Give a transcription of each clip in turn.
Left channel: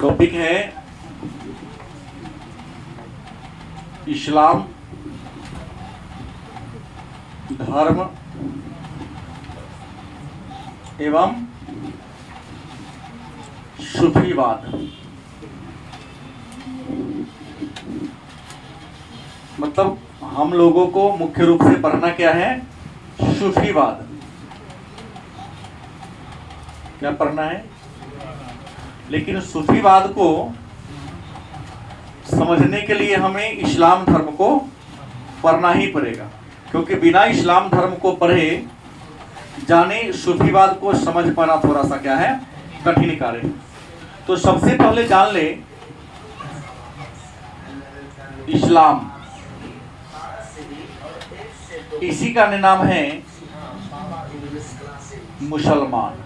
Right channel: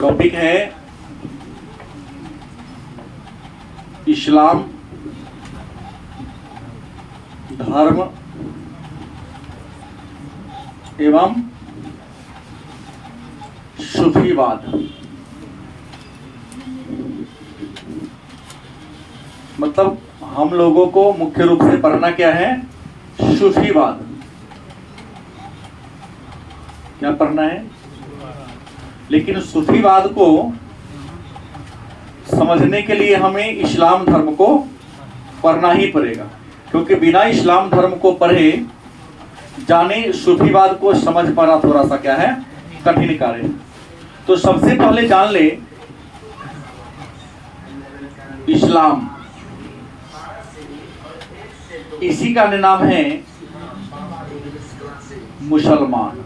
Topic है इस्लाम धर्म एवं सूफीवाद। मतलब हम लोगों को मुख्य रूप से पढ़ना क्या है? सूफीवाद। क्या पढ़ना है? लेकिन सूफीवाद को समझने के लिए हमें इस्लाम धर्म को पढ़ना ही पड़ेगा, क्योंकि बिना इस्लाम धर्म को पढ़े जाने सूफीवाद को समझ पाना थोड़ा सा क्या है, कठिन कार्य है। तो सबसे पहले जान ले इस्लाम, इसी का नाम है मुसलमान।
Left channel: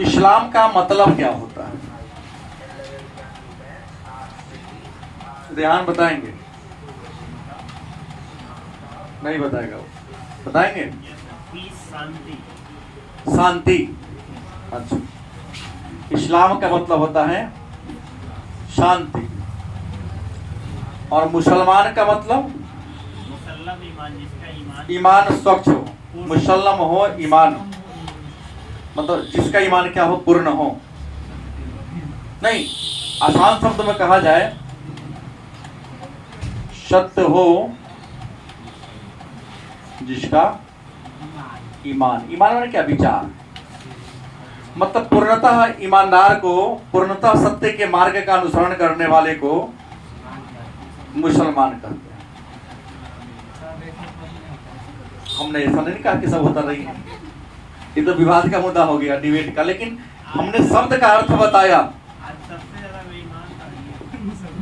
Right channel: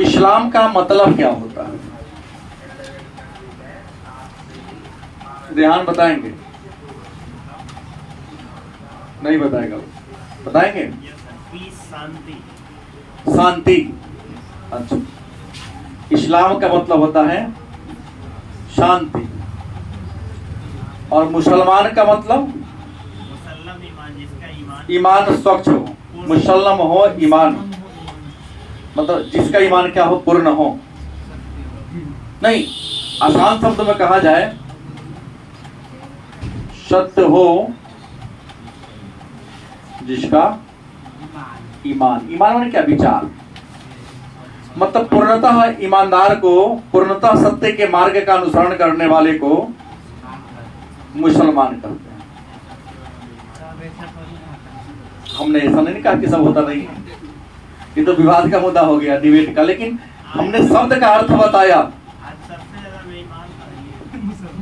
इस्लाम का मतलब क्या होता है? ध्यान बताएंगे? नहीं बताएगा वो, बताएंगे? शांति। अच्छा, इस्लाम का मतलब होता है शांति। और मुसलमान का मतलब ईमान स्वच्छ हो, मुसल्लम हो, ईमान मतलब जिसका ईमान क्या हो, पूर्ण हो। नहीं, आसान शब्द में कहा जाए, सत्य हो जिसका ईमान। ईमान में क्या? विचार। मतलब पूर्णतः ईमानदार को, पूर्णतः सत्य के मार्ग का अनुसरण करने वाले को मुसलमान कहते हैं। हमने ऐसा नहीं कहा कि सब होता नहीं है, ये तो विवाद का मुद्दा हो गया, डिबेट का। लेकिन हमने शब्द का अर्थ बताया।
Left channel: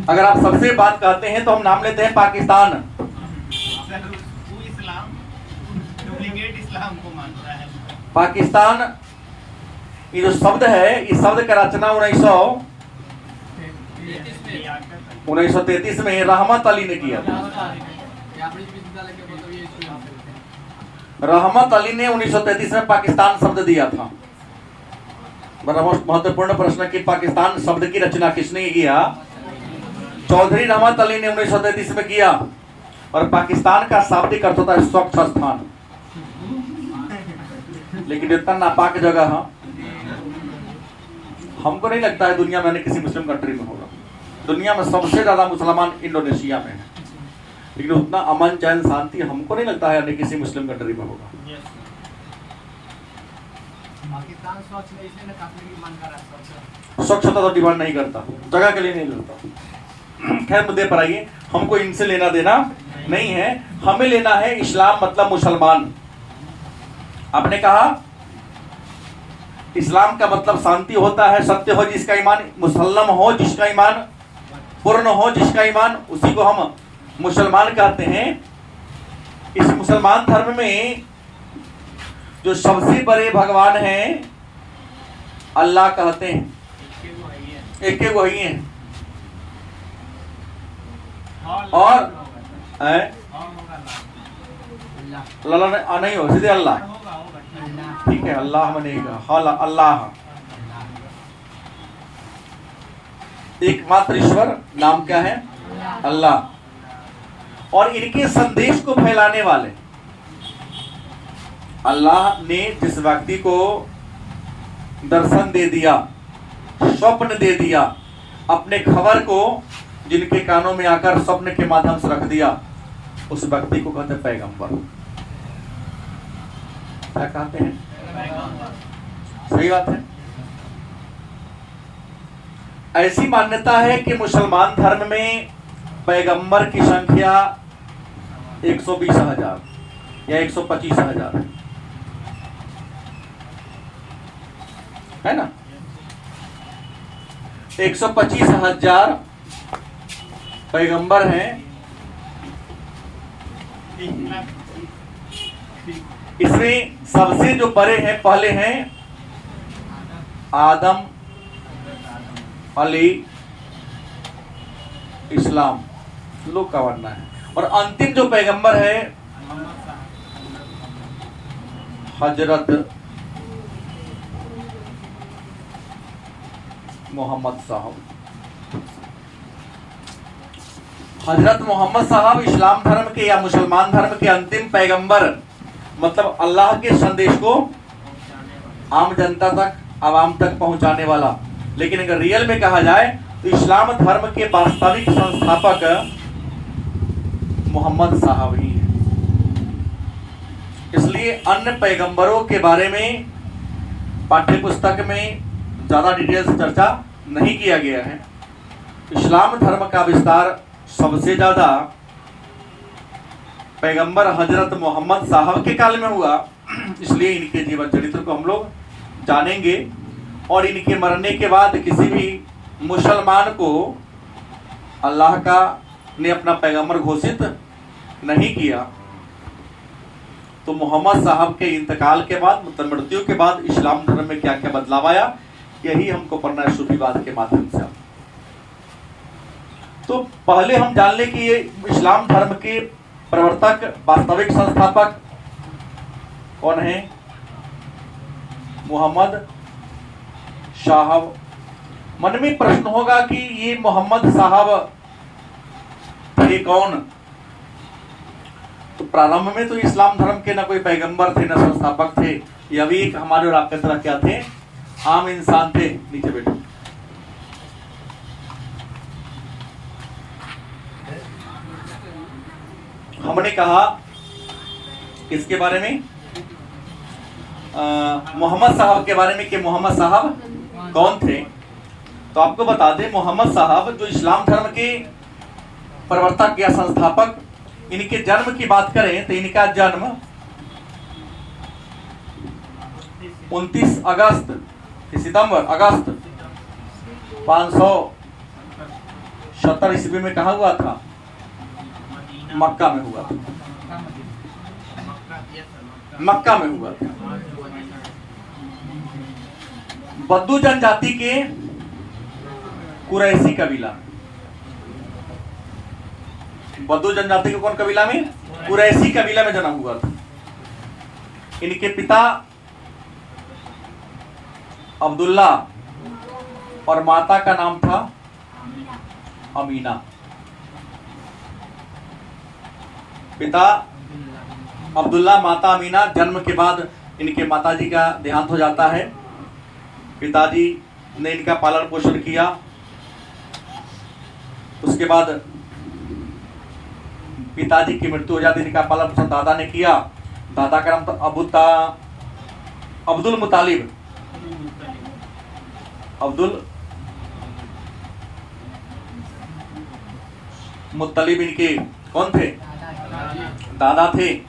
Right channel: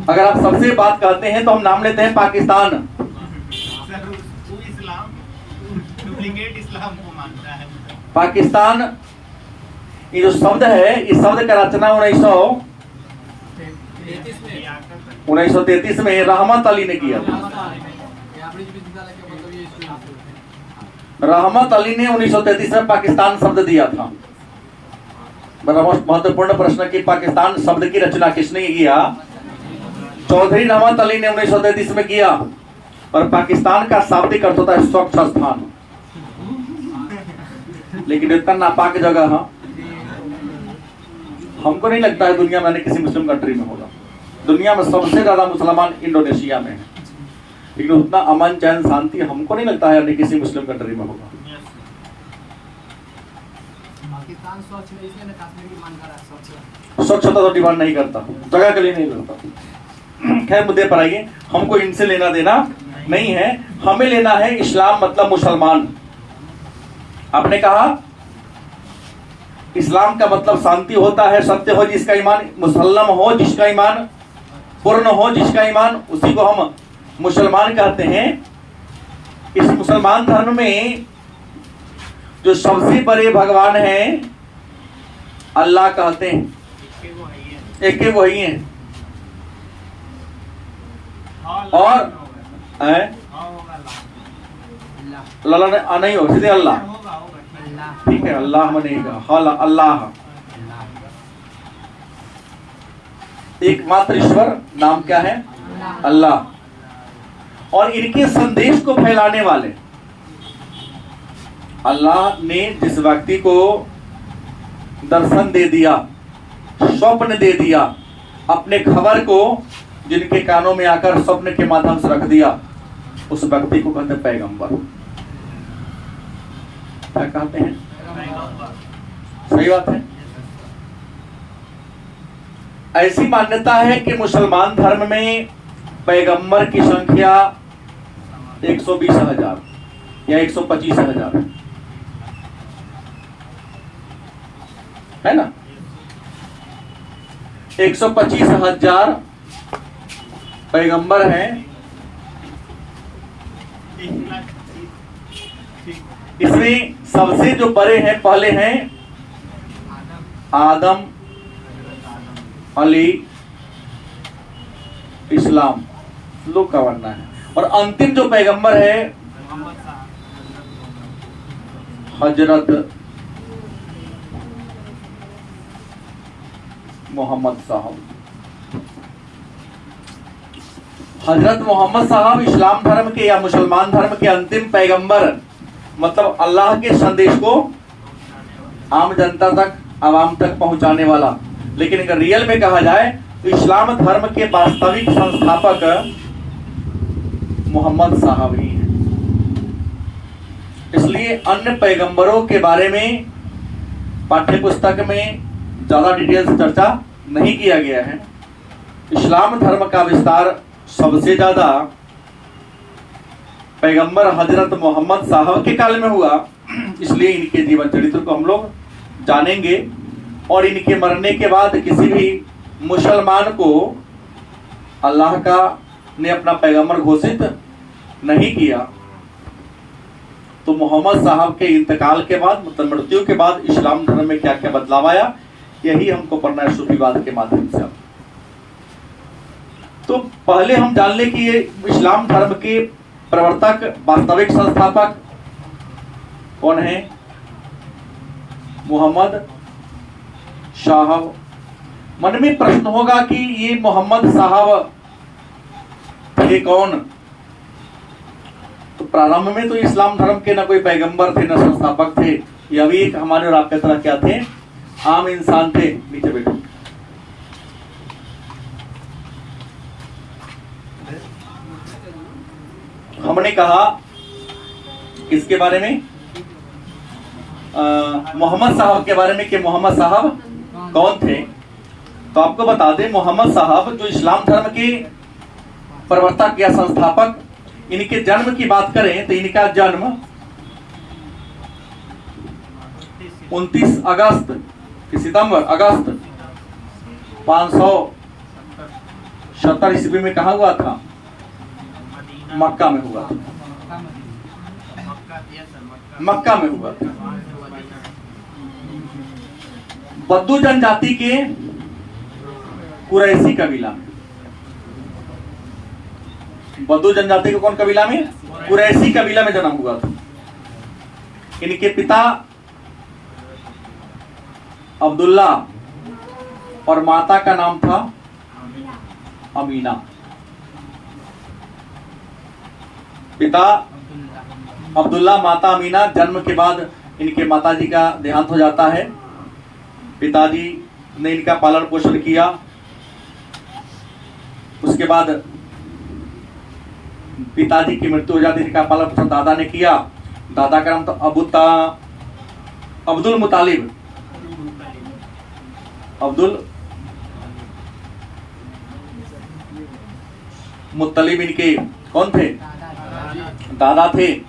अगर आप सबसे बात कहते हैं तो हम नाम लेते हैं पाकिस्तान। इस्लाम को मानता है पाकिस्तान। ये जो शब्द है, इस शब्द का रचना 1933 में रहमत अली ने किया था। रहमत अली ने 1933 में पाकिस्तान शब्द दिया था। बड़ा महत्वपूर्ण प्रश्न कि पाकिस्तान शब्द की रचना किसने किया? चौधरी रहमत अली ने 1933 में किया। और पाकिस्तान का शाब्दिक अर्थ होता है स्वच्छ स्थान। लेकिन इतना नापाक जगह है, हमको नहीं लगता है दुनिया में किसी मुस्लिम कंट्री में होगा। दुनिया में सबसे ज्यादा मुसलमान इंडोनेशिया में है, लेकिन उतना अमन चैन शांति हमको नहीं लगता है किसी मुस्लिम कंट्री में होगा। स्वच्छता तो डिमांड नहीं करता, जगह के लिए नहीं करता। खैर, मुद्दे पर आइए। हमको इनसे लेना देना नहीं है, हमें लेना है इस्लाम मतलब मुसलमान। आपने कहा इस्लाम का मतलब शांति होता है, सत्य हो जिसका ईमान, मुसल्लम हो जिसका ईमान, पूर्ण हो जिसका ईमान, उसी को हम मुसलमान कहते हैं। इस मुसलमान धर्म में जो सबसे बड़े भगवान हैं अल्लाह कहते हैं, एक एक वही है। और अल्लाह नहीं हो, सीधे अल्लाह, ठीक है, अल्लाह बनेगा, अल्लाह एकमात्र ईश्वर। नाम क्या है? अल्लाह। और इनके संदेश को फैलाने वाले, अल्लाह ने जिस व्यक्ति को दर्शन दे दिया, स्वप्न दे दिया, अपने खबर को जिनके कानों में आकर स्वप्न के माध्यम से रख दिया, उस व्यक्ति को कहते हैं पैगंबर। क्या कहते हैं? सही बात है। ऐसी मान्यता है कि मुसलमान धर्म में पैगंबर की संख्या 120,000 या 125,000 है ना? 125,000 पैगंबर हैं। इसमें सबसे जो बड़े हैं, पहले हैं आदम, अली, इस्लाम, लोग का मानना है। और अंतिम जो पैगंबर है हजरत मोहम्मद साहब। हजरत मोहम्मद साहब इस्लाम धर्म के या मुसलमान धर्म के अंतिम पैगंबर, मतलब अल्लाह के संदेश को आम जनता तक, आवाम तक पहुंचाने वाला। लेकिन अगर रियल में कहा जाए तो इस्लाम धर्म के वास्तविक संस्थापक मोहम्मद साहब ही हैं। इसलिए अन्य पैगंबरों के बारे में पाठ्य पुस्तक में ज्यादा डिटेल्स चर्चा नहीं किया गया है। इस्लाम धर्म का विस्तार सबसे ज्यादा पैगंबर हजरत मोहम्मद साहब के काल में हुआ, इसलिए इनके जीवन चरित्र को हम लोग जानेंगे। और इनके मरने के बाद किसी भी मुसलमान को अल्लाह का ने अपना पैगंबर घोषित नहीं किया। तो मोहम्मद साहब के इंतकाल के बाद, मतलब मृत्यु के बाद, इस्लाम धर्म में क्या क्या बदलाव आया, यही हमको पढ़ना है सूफीवाद के माध्यम से। तो पहले हम जान ले कि ये इस्लाम धर्म के प्रवर्तक, वास्तविक संस्थापक कौन है? मोहम्मद साहब। मन में प्रश्न होगा कि ये मोहम्मद साहब थे कौन? तो प्रारंभ में तो इस्लाम धर्म के ना कोई पैगंबर थे, ना संस्थापक थे। ये भी एक हमारे और आपके तरह क्या थे? आम इंसान थे। नीचे बैठो। हमने कहा किसके बारे में? मोहम्मद साहब के बारे में कि मोहम्मद साहब कौन थे। तो आपको बता दें, मोहम्मद साहब जो इस्लाम धर्म के प्रवर्तक या संस्थापक, इनके जन्म की बात करें तो इनका जन्म 29 अगस्त सितंबर अगस्त 570 ईस्वी में कहा हुआ था? मक्का में हुआ था। मक्का में हुआ था। बद्दू जनजाति के कुरैशी कबीला में। बद्दू जनजाति के कौन कबीला में? कुरैशी कबीला में जन्म हुआ था। इनके पिता अब्दुल्ला और माता का नाम था अमीना। पिता अब्दुल्ला, माता अमीना। जन्म के बाद इनके माताजी का देहांत हो जाता है। पिताजी ने इनका पालन पोषण किया। उसके बाद पिताजी की मृत्यु हो जाती है। इनका पालन पोषण दादा ने किया। दादा का नाम था अब्दुल मुतालिब। अब्दुल मुत्तलिब इनके कौन थे? दादा थे।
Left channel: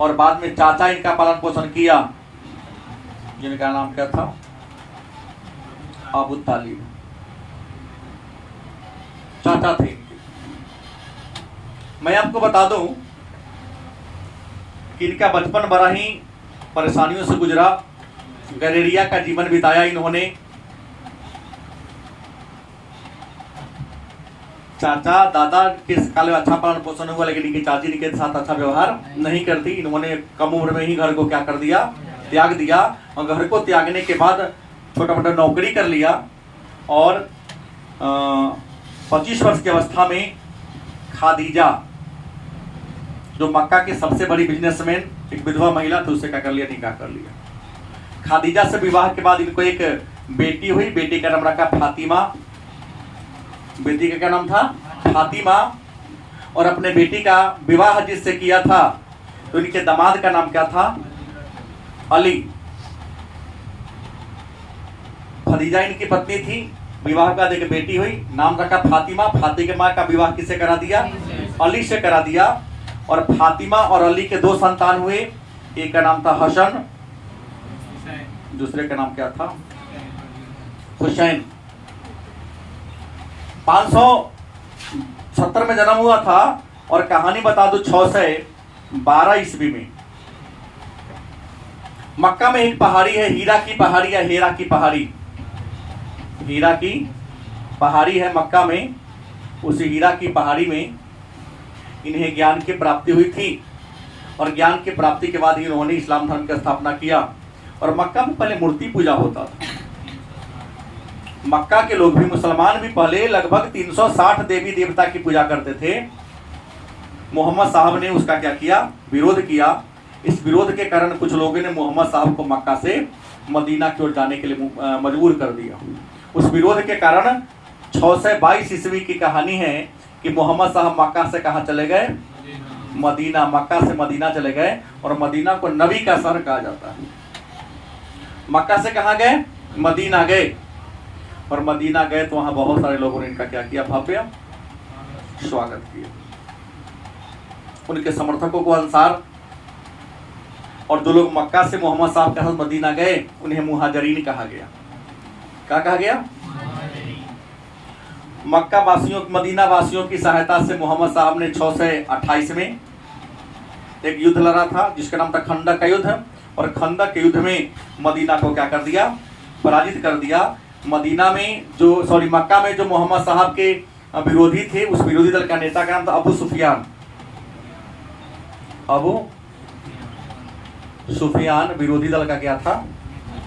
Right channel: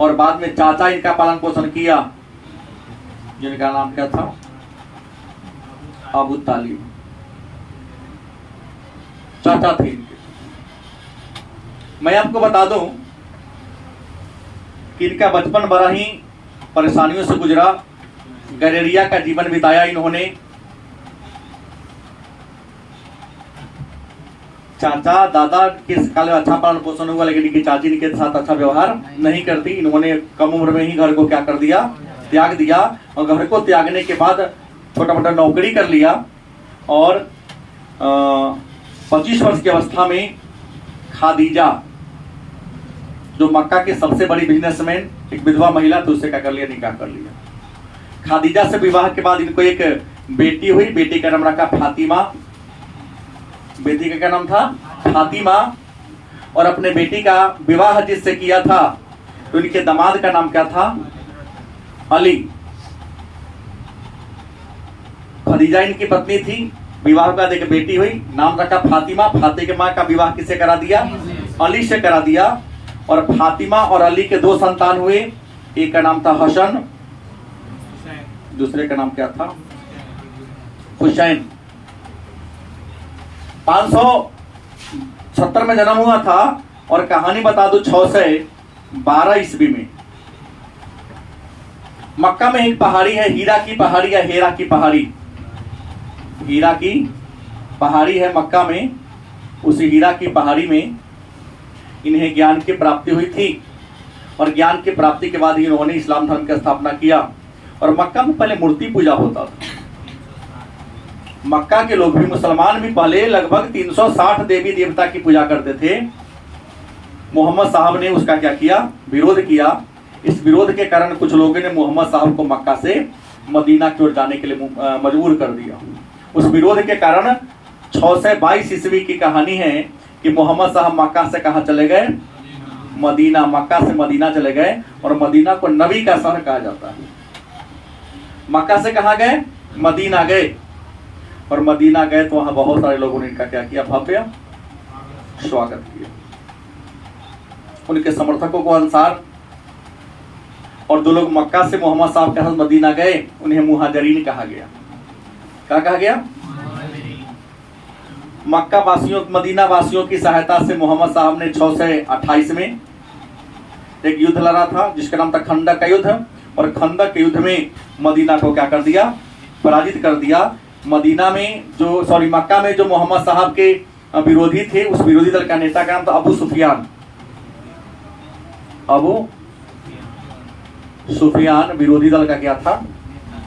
और बाद में चाचा इनका पालन पोषण किया, जिनका नाम क्या था? अबू तालिब। चाचा थे इनके। मैं आपको बता दूं कि इनका बचपन बड़ा ही परेशानियों से गुजरा। गलेरिया का जीवन बिताया इन्होंने। चाचा दादा के काल में अच्छा पालन पोषण हुआ, लेकिन इनकी चाची इनके साथ अच्छा व्यवहार नहीं करती। इन्होंने कम उम्र में ही घर को क्या कर दिया? त्याग दिया। और घर को त्यागने के बाद छोटा मोटा नौकरी कर लिया। और 25 वर्ष की अवस्था में खादीजा, जो मक्का के सबसे बड़ी बिजनेसमैन, एक विधवा महिला थी, उससे क्या कर लिया? निकाह कर लिया। खादीजा से विवाह के बाद इनको एक बेटी हुई। बेटी का नाम रखा फातिमा। बेटी का क्या नाम था? फातिमा। और अपने बेटी का विवाह जिससे किया था, तो इनके दामाद का नाम क्या था? अली। खदीजा इनकी पत्नी थी। विवाह के बाद एक बेटी हुई, नाम रखा फातिमा। फातिमा का विवाह किससे करा दिया? अली से करा दिया। और फातिमा और अली के 2 संतान हुए। एक का नाम था हसन, दूसरे का नाम क्या था? हुसैन। 570 में जन्म हुआ था। और कहानी बता दो, 612 ईस्वी में मक्का में एक पहाड़ी है, हीरा की पहाड़ी या हेरा की पहाड़ी। हीरा की पहाड़ी है मक्का में। उस हीरा की पहाड़ी में इन्हें ज्ञान की प्राप्ति हुई थी। और ज्ञान की प्राप्ति के बाद इन्होंने इस्लाम धर्म की स्थापना किया। और मक्का में पहले मूर्ति पूजा होता था। मक्का के लोग भी, मुसलमान भी पहले लगभग 360 देवी देवता की पूजा करते थे। मोहम्मद साहब ने उसका क्या किया, विरोध किया। इस विरोध के कारण कुछ लोगों ने मोहम्मद साहब को मक्का से मदीना की ओर जाने के लिए मजबूर कर दिया। उस विरोध के कारण 622 ईस्वी की कहानी है कि मोहम्मद साहब मक्का से कहाँ चले गए, मदीना। मक्का से मदीना चले गए और मदीना को नबी का शहर कहा जाता है। मक्का से कहाँ गए, मदीना गए, और मदीना गए तो वहां बहुत सारे लोगों ने इनका क्या किया, भव्य स्वागत किया। उनके समर्थकों को अनुसार, और जो लोग मक्का से मोहम्मद साहब के साथ मदीना गए उन्हें मुहाजिरीन कहा गया। क्या कहा गया? मक्का वासियों, मदीना वासियों की सहायता से मोहम्मद साहब ने 628 में एक युद्ध लड़ा था जिसका नाम था खंदक का युद्ध। और खंदक के युद्ध में मदीना को क्या कर दिया, पराजित कर दिया। मदीना में जो मक्का में जो मोहम्मद साहब के विरोधी थे, उस विरोधी दल का नेता का नाम था अबू सुफियान। अबू सुफियान विरोधी दल का क्या था,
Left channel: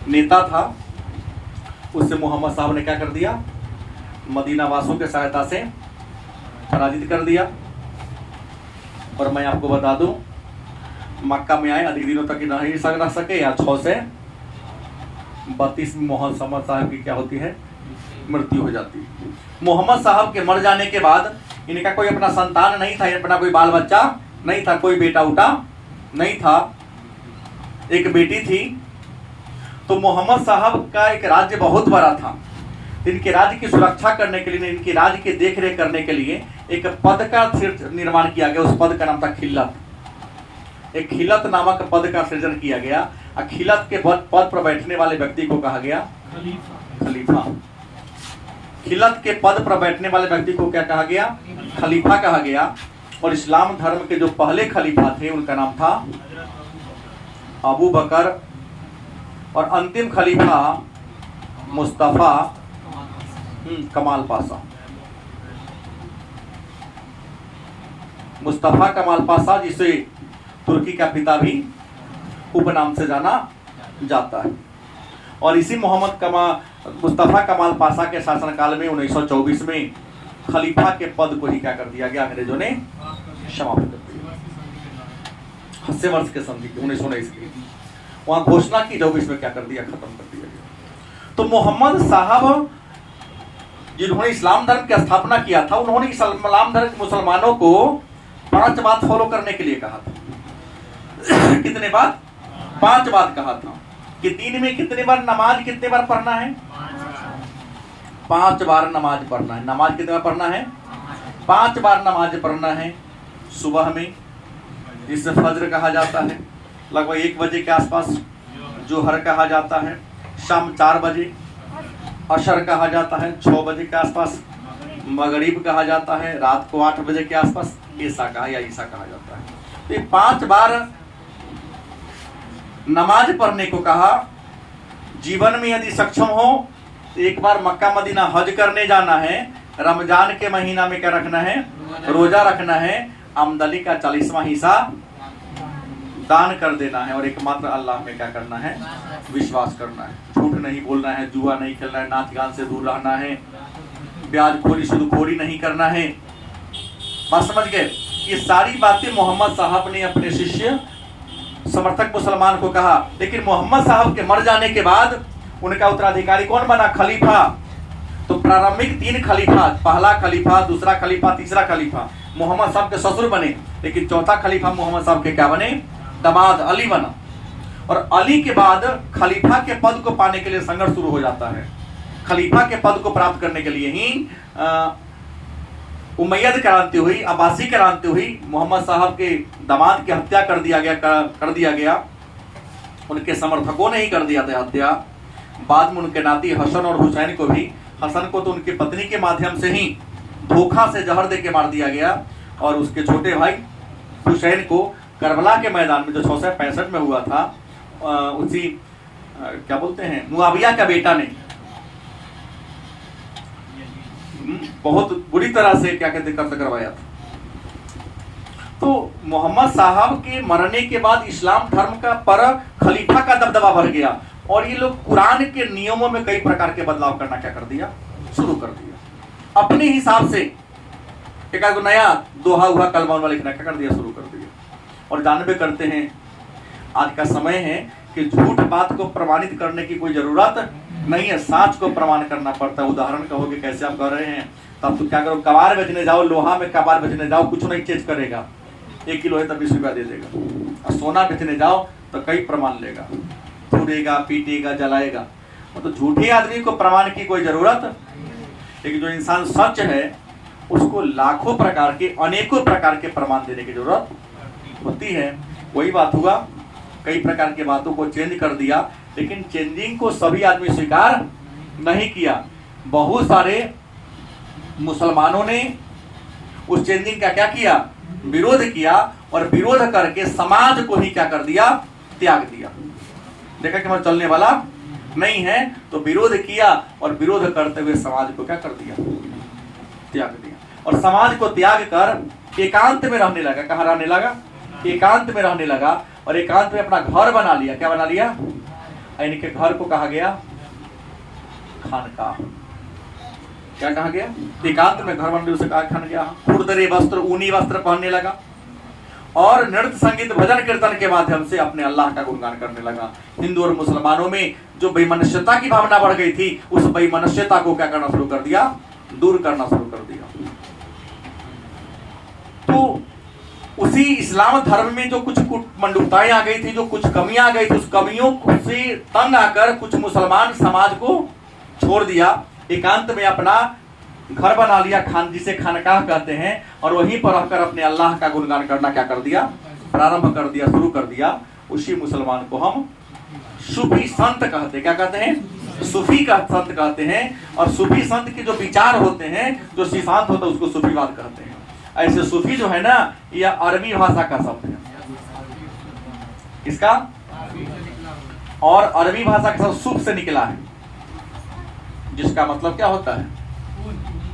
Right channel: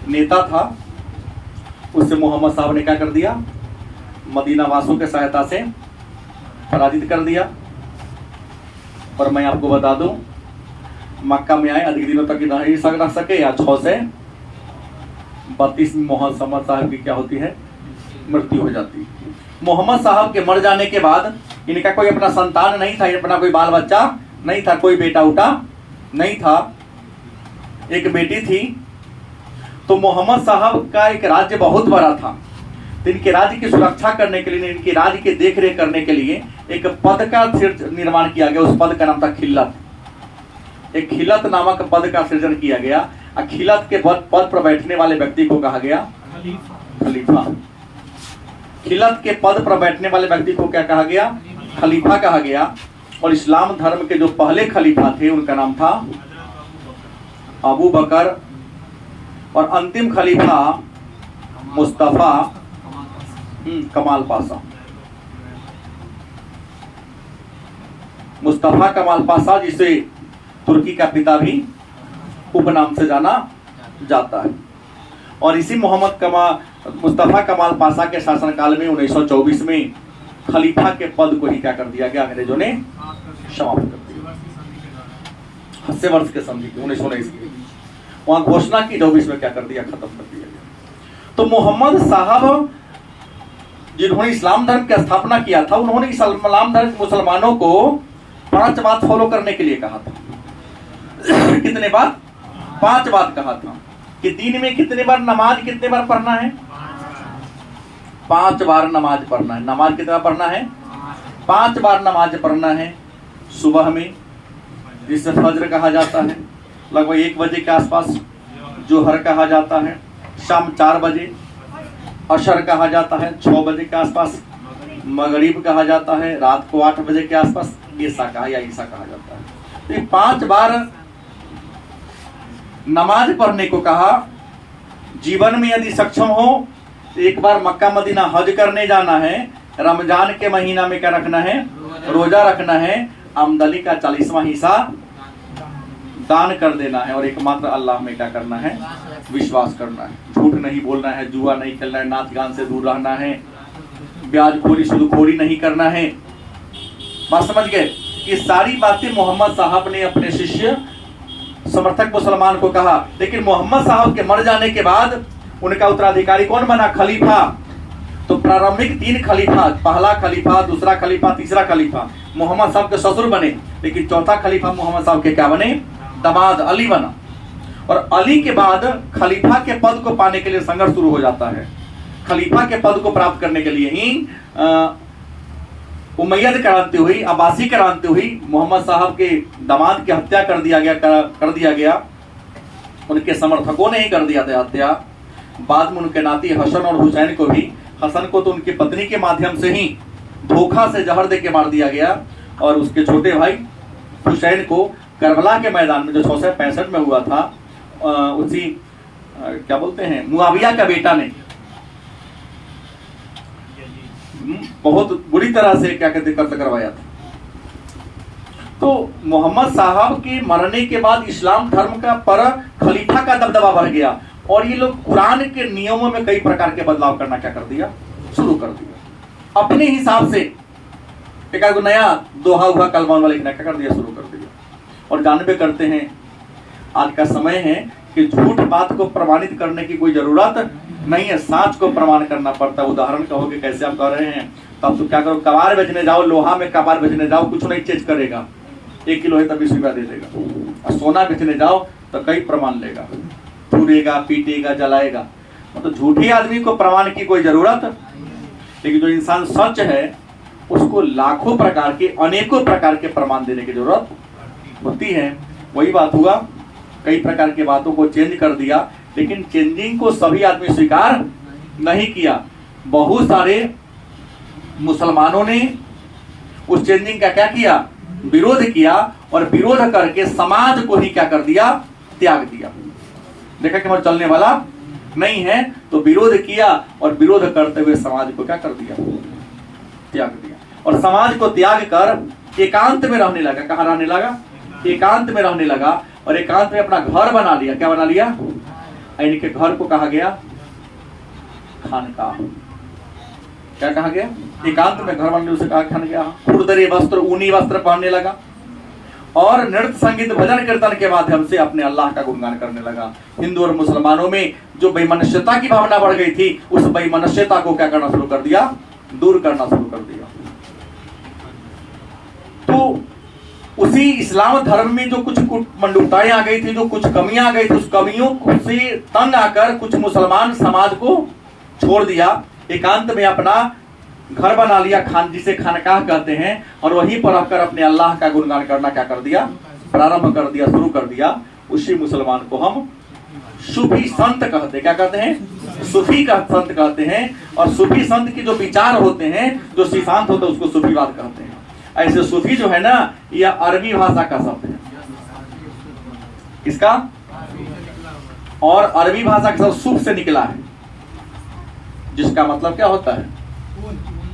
नेता था। उससे मोहम्मद साहब ने क्या कर दिया, मदीना वासियों के सहायता से पराजित कर दिया। और मैं आपको बता दूं, मक्का में आए अधिक दिनों तक नहीं रह सके, या 6 से 32 में मोहम्मद साहब की क्या होती है, मृत्यु हो जाती है। मोहम्मद साहब के मर जाने के बाद इनका कोई अपना संतान नहीं था, अपना कोई बाल बच्चा नहीं था, कोई बेटा उटा नहीं था। एक बेटी थी। तो मोहम्मद साहब का एक राज्य बहुत बड़ा था। इनके राज्य की सुरक्षा करने के लिए, इनके राज्य की देखरेख करने के लिए एक पद का निर्माण किया गया। उस पद का नाम था खिल्लत। एक खिल्लत नामक पद का सृजन किया गया। खिल्लत के पद पर बैठने वाले व्यक्ति को कहा गया खलीफा। खिल्लत के पद पर बैठने वाले व्यक्ति को क्या कहा गया, खलीफा कहा गया। और इस्लाम धर्म के जो पहले खलीफा थे उनका नाम था अबू बकर। और अंतिम खलीफा मुस्तफा कमाल पाशा। मुस्तफा कमाल पाशा, जिसे तुर्की का पिता भी उपनाम से जाना जाता है। और इसी मुस्तफा कमाल पाशा के शासनकाल में 1924 में खलीफा के पद को ही क्या कर दिया गया, अंग्रेजों ने समाप्त कर दिया। 80 वर्ष के संधि की 1919 की वहां घोषणा की, 24 में क्या कर दिया, खत्म कर दिया गया। तो मोहम्मद साहब जिन्होंने इस्लाम धर्म की स्थापना किया था, उन्होंने इस्लाम धर्म मुसलमानों को 5 बात फॉलो करने के लिए कहा था। कितने बात? 5 बात कहा था कि दिन में कितने बार नमाज, कितने बार पढ़ना है, 5 बार नमाज पढ़ना है। नमाज कितना पढ़ना है? 5 बार नमाज पढ़ना है। सुबह में, जिसे फज्र कहा जाता है, लगभग 1 बजे के आसपास जोहर कहा जाता है। शाम 4 बजे अशर कहा जाता है। 6 बजे के आसपास मगरिब कहा जाता है। रात को 8 बजे के आसपास ईसा कहा जाता है। तो ये 5 बार नमाज पढ़ने को कहा। जीवन में यदि सक्षम हो तो एक बार मक्का मदीना हज करने जाना है। रमजान के महीना में क्या रखना है, रोजा रखना है। आमदनी का 40वां हिस्सा दान कर देना है। और एकमात्र अल्लाह में क्या करना है, विश्वास करना है। झूठ नहीं बोलना है, जुआ नहीं खेलना है, नाच गान से दूर रहना है, ब्याजखोरी सूदखोरी नहीं करना है। बात समझ गए? ये सारी बातें मोहम्मद साहब ने अपने शिष्य समर्थक मुसलमान को कहा। लेकिन मोहम्मद साहब के मर जाने के बाद उनका उत्तराधिकारी कौन बना, खलीफा। तो प्रारंभिक 3 खलीफा, पहला खलीफा, दूसरा खलीफा, तीसरा खलीफा मोहम्मद साहब के ससुर बने। लेकिन चौथा खलीफा मोहम्मद साहब के क्या बने, दामाद अली बना। और अली के बाद खलीफा के पद को पाने के लिए संघर्ष शुरू हो जाता है। खलीफा के पद को प्राप्त करने के लिए ही उमैयद क्रांति हुई, अब्बासी क्रांति हुई। मोहम्मद साहब के दामाद की हत्या कर दिया गया। उनके समर्थकों ने ही कर दिया था हत्या। बाद में उनके नाती हसन और हुसैन को भी, हसन को तो उनकी पत्नी के माध्यम से ही धोखा से जहर दे के मार दिया गया। और उसके छोटे भाई हुसैन को करबला के मैदान में जो 665 में हुआ था, उसी क्या बोलते हैं, मुआविया का बेटा ने बहुत बुरी तरह से क्या कहते कत्ल करवाया था। तो मोहम्मद साहब के मरने के बाद इस्लाम धर्म का पर खलीफा का दबदबा बढ़ गया। और ये लोग कुरान के नियमों में कई प्रकार के बदलाव करना क्या कर दिया, शुरू कर दिया। अपने हिसाब से एक आध नया दोहा हुआ कलमान वाले क्या कर दिया, शुरू कर दिया। और जानबे करते हैं आज का समय है कि झूठ बात को प्रमाणित करने की कोई जरूरत नहीं है, सच को प्रमाण करना पड़ता है। उदाहरण कहोगे कैसे आप कर रहे हैं, तो आप तो क्या करो, कबाड़ बेचने जाओ, लोहा में कबाड़ बेचने जाओ, कुछ नहीं चेंज करेगा, 1 किलो है तब 20 रुपया दे देगा। और सोना बेचने जाओ तो कई प्रमाण लेगा, छुड़ेगा, पीटेगा, जलाएगा। मतलब झूठे आदमी को प्रमाण की कोई जरूरत, लेकिन जो इंसान सच है उसको लाखों प्रकार के, अनेकों प्रकार के प्रमाण देने की जरूरत होती है। वही बात हुआ, कई प्रकार की बातों को चेंज कर दिया, लेकिन चेंजिंग को सभी आदमी स्वीकार नहीं किया। बहुत सारे मुसलमानों ने उस चेंजिंग का क्या किया, विरोध किया, और विरोध करके समाज को ही क्या कर दिया, त्याग दिया। देखा कि हमारा चलने वाला नहीं है, तो विरोध किया, और विरोध करते हुए समाज को क्या कर दिया, त्याग दिया। और समाज को त्याग कर एकांत में रहने लगा। कहाँ रहने लगा, एकांत में रहने लगा, और एकांत में अपना घर बना लिया। क्या बना लिया, इनके घर को कहा गया खानकाह। क्या कहा गया, एकांत में घर बनने उसे कहा खानकाह। खुरदरे वस्त्र, ऊनी वस्त्र पहनने लगा, और नृत्य संगीत भजन कीर्तन के माध्यम से अपने अल्लाह का गुणगान करने लगा। हिंदू और मुसलमानों में जो बेमनुष्यता की भावना बढ़ गई थी, उस बेमनुष्यता को क्या करना शुरू कर दिया, दूर करना शुरू कर दिया। तो उसी इस्लाम धर्म में जो कुछ मंडूकताएं आ गई थी, जो कुछ कमियां आ गई थी, उस कमियों से तंग आकर कुछ मुसलमान समाज को छोड़ दिया, एकांत में अपना घर बना लिया, जिसे खानकाह कहते हैं, और वहीं पर आकर अपने अल्लाह का गुणगान करना क्या कर दिया, प्रारंभ कर दिया, शुरू कर दिया। उसी मुसलमान को हम सूफी संत कहते हैं। क्या कहते हैं, सूफी का संत कहते हैं। और सूफी संत के जो विचार होते हैं, जो सिद्धांत होता है, उसको सूफीवाद कहते हैं। ऐसे सूफी जो है ना, यह अरबी भाषा का शब्द है। इसका और अरबी भाषा का शब्द सूफ से निकला है, जिसका मतलब क्या होता है,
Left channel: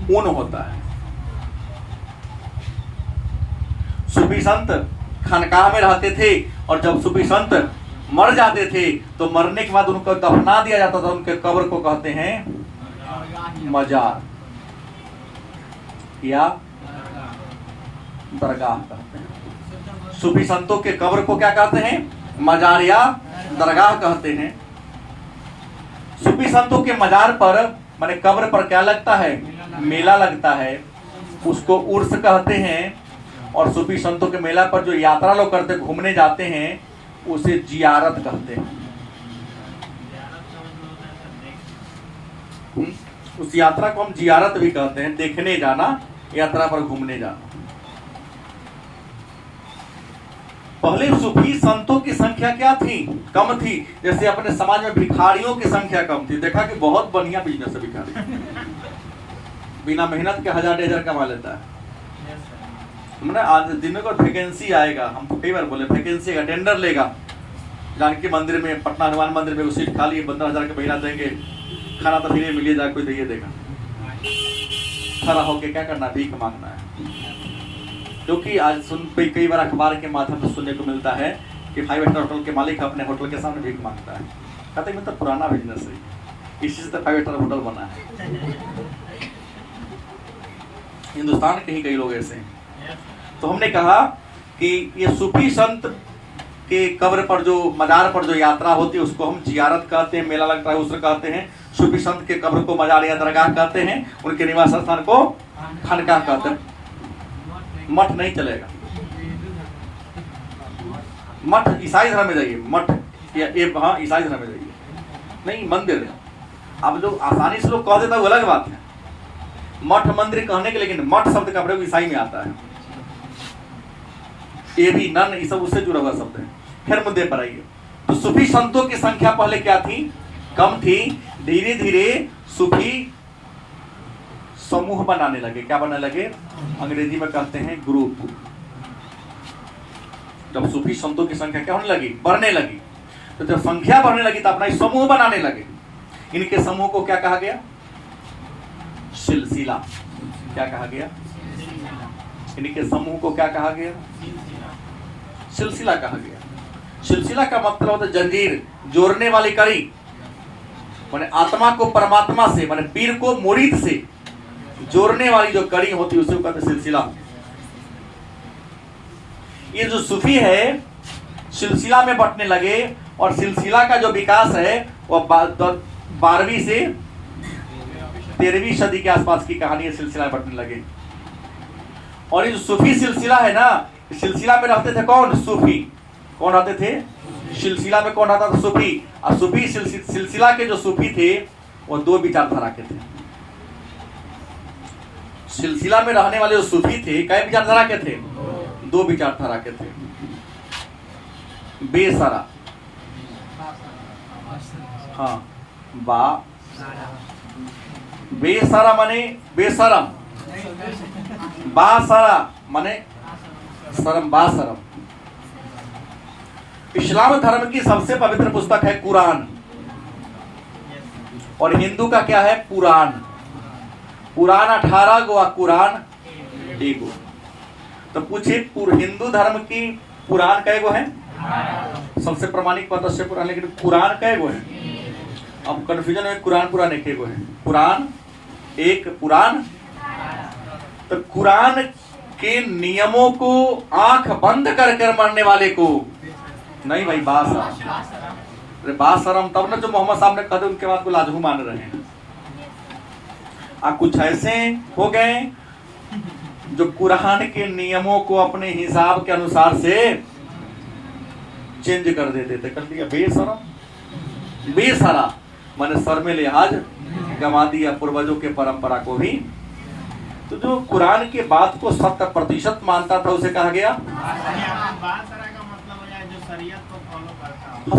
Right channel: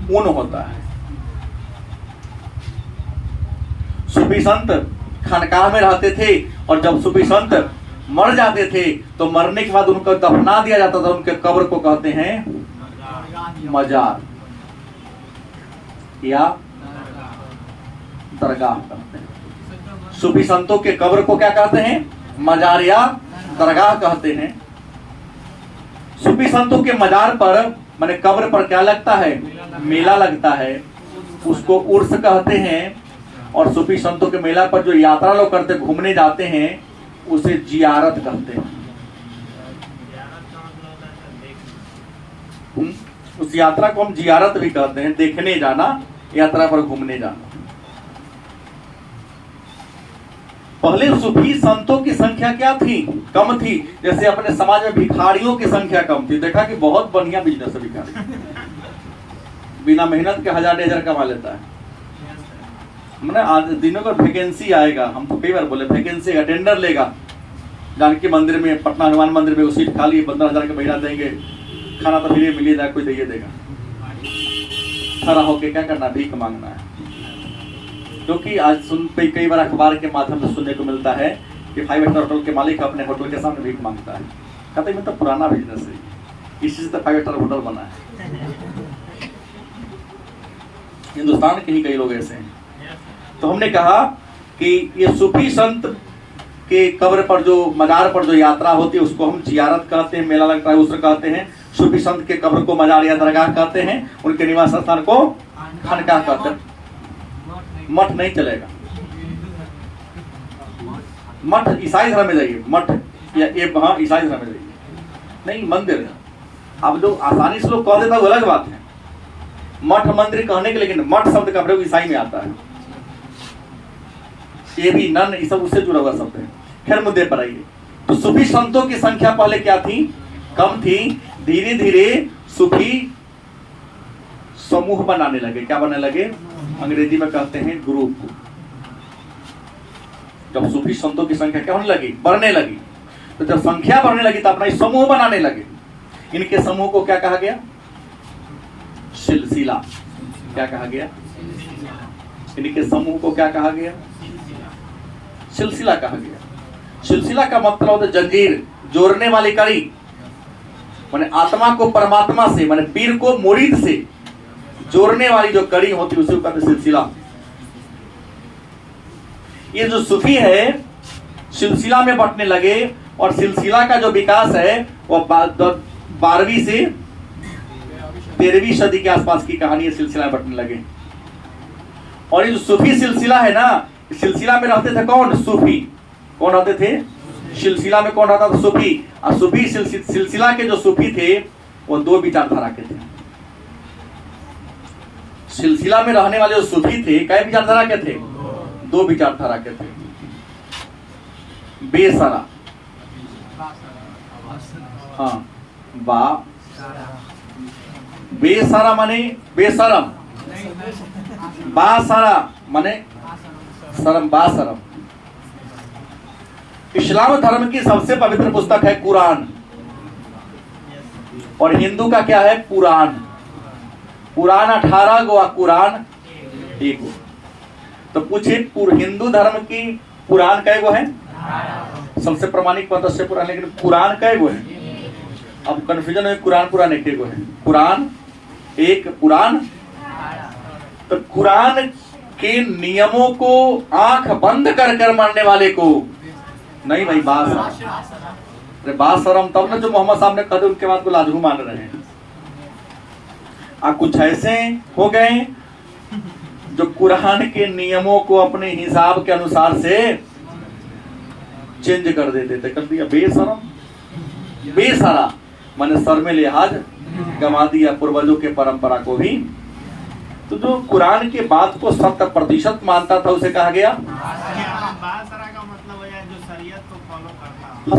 ऊन होता है। सूफी संत खानकाह में रहते थे, और जब सूफी संत मर जाते थे तो मरने के बाद उनको दफना दिया जाता था। उनके कब्र को कहते हैं मजार या दरगाह कहते हैं। सूफी संतों के कब्र को क्या कहते हैं, मजार या दरगाह कहते हैं। सूफी संतों के मजार पर, माने कब्र पर क्या लगता है, मेला लगता है, उसको उर्स कहते हैं। और सूफी संतों के मेला पर जो यात्रा लोग करते, घूमने जाते हैं, उसे जियारत कहते हैं। उस यात्रा को हम जियारत भी कहते हैं, देखने जाना, यात्रा पर घूमने जाना। पहले सूफी संतों की संख्या क्या थी, कम थी। जैसे अपने समाज में भिखारियों की संख्या कम थी। देखा कि बहुत बढ़िया बिजनेस है भिखारी, बिना मेहनत के 1000-2000 कमा लेता है। मैंने आज दिनों का वैकेंसी आएगा, हम तो कई बार बोले वैकेंसी का टेंडर लेगा, जानकी मंदिर में, पटना हनुमान मंदिर में, वो सीट खाली 15,000 का महीना देंगे, खाना तो फिर मिलेगा, कोई दे देगा। खड़ा होके क्या करना, भीख मांगना है। क्योंकि आज कई बार अखबार के माध्यम से सुनने को मिलता है कि 5 स्टार होटल के मालिक अपने होटल के सामने भीख मांगता है। कहते हैं मतलब पुराना बिजनेस है, इसी से 5 स्टार होटल बना है। हिंदुस्तान के ही कई लोग ऐसे हैं। तो हमने कहा कि ये सूफी संत के कब्र पर, जो मजार पर जो यात्रा होती है, उसको हम जियारत कहते हैं, मेला लगता है उसे कहते हैं। सूफी संत के कब्र को मजार या दरगाह कहते हैं, उनके निवास स्थान को खानकाह कहते हैं। मठ नहीं चलेगा, मठ ईसाई धर्म में जाइए, मठ या हाँ ईसाई धर्म में जाइए, नहीं मंदिर है। अब लोग आसानी से लोग कह देता है, वो अलग बात है, मठ मंदिर कहने के, लेकिन मठ शब्द का प्रयोग ईसाई में आता है। ये भी नन, ये सब उससे जुड़ा हुआ शब्द है। फिर मुद्दे पर आइए। तो सूफी संतों की संख्या पहले क्या थी, कम थी। धीरे धीरे सूफी समूह बनाने लगे। क्या बनने लगे, अंग्रेजी में कहते हैं ग्रुप। जब सूफी संतों की संख्या क्या होने लगी, बढ़ने लगी, तो जब संख्या बढ़ने लगी तो अपना समूह बनाने लगे। इनके समूह को क्या कहा गया, सिलसिला। क्या कहा गया, इनके समूह को क्या कहा गया, सिलसिला कहा गया। सिलसिला का मतलब होता है जंजीर, जोड़ने वाली कड़ी। माने आत्मा को परमात्मा से, माने पीर को मुरीद से जोड़ने वाली जो कड़ी होती है उसे कहते सिलसिला। ये जो सूफी है सिलसिला में बंटने लगे और सिलसिला का जो विकास है वो 12वीं से 13वीं सदी के आसपास की कहानी है, सिलसिला में बंटने लगे। और ये जो सूफी सिलसिला है ना, सिलसिला में रहते थे कौन? सूफी। कौन रहते थे? सिलसिला में कौन रहता था? सूफी। और सूफी सिलसिला के जो सूफी थे वो 2 विचारधारा के थे। सिलसिला में रहने वाले जो सूफी थे कई विचारधारा के थे? 2 विचारधारा के थे। बेसरा, हाँ, बेसरा माने बेशरम, बासरा माने शरम, बाशरम। इस्लाम धर्म की सबसे पवित्र पुस्तक है कुरान और हिंदू का क्या है? पुराण। पुराण 18 गो, कुरान 1 गो। तो पूछिए हिंदू धर्म की पुराण कै गो है? सबसे प्रमाणिक पद से पुराण, लेकिन कुरान कै गो है? अब कंफ्यूजन है, कुरान पुराण 1 गो है। कुरान 1, पुराण। तो कुरान के नियमों को आंख बंद कर मानने वाले को नहीं भाई बासरम, तब ना जो मोहम्मद साहब ने कहा उनके बाद को लाजहू मान रहे हैं। कुछ ऐसे हो गए जो कुरान के नियमों को अपने हिसाब के अनुसार से चेंज कर देते थे, कर दिया बेशरम। बेसरा माने सर में लिहाज गंवा दिया, पूर्वजों के परंपरा को भी। तो जो कुरान के बात को 100% मानता था उसे कहा गया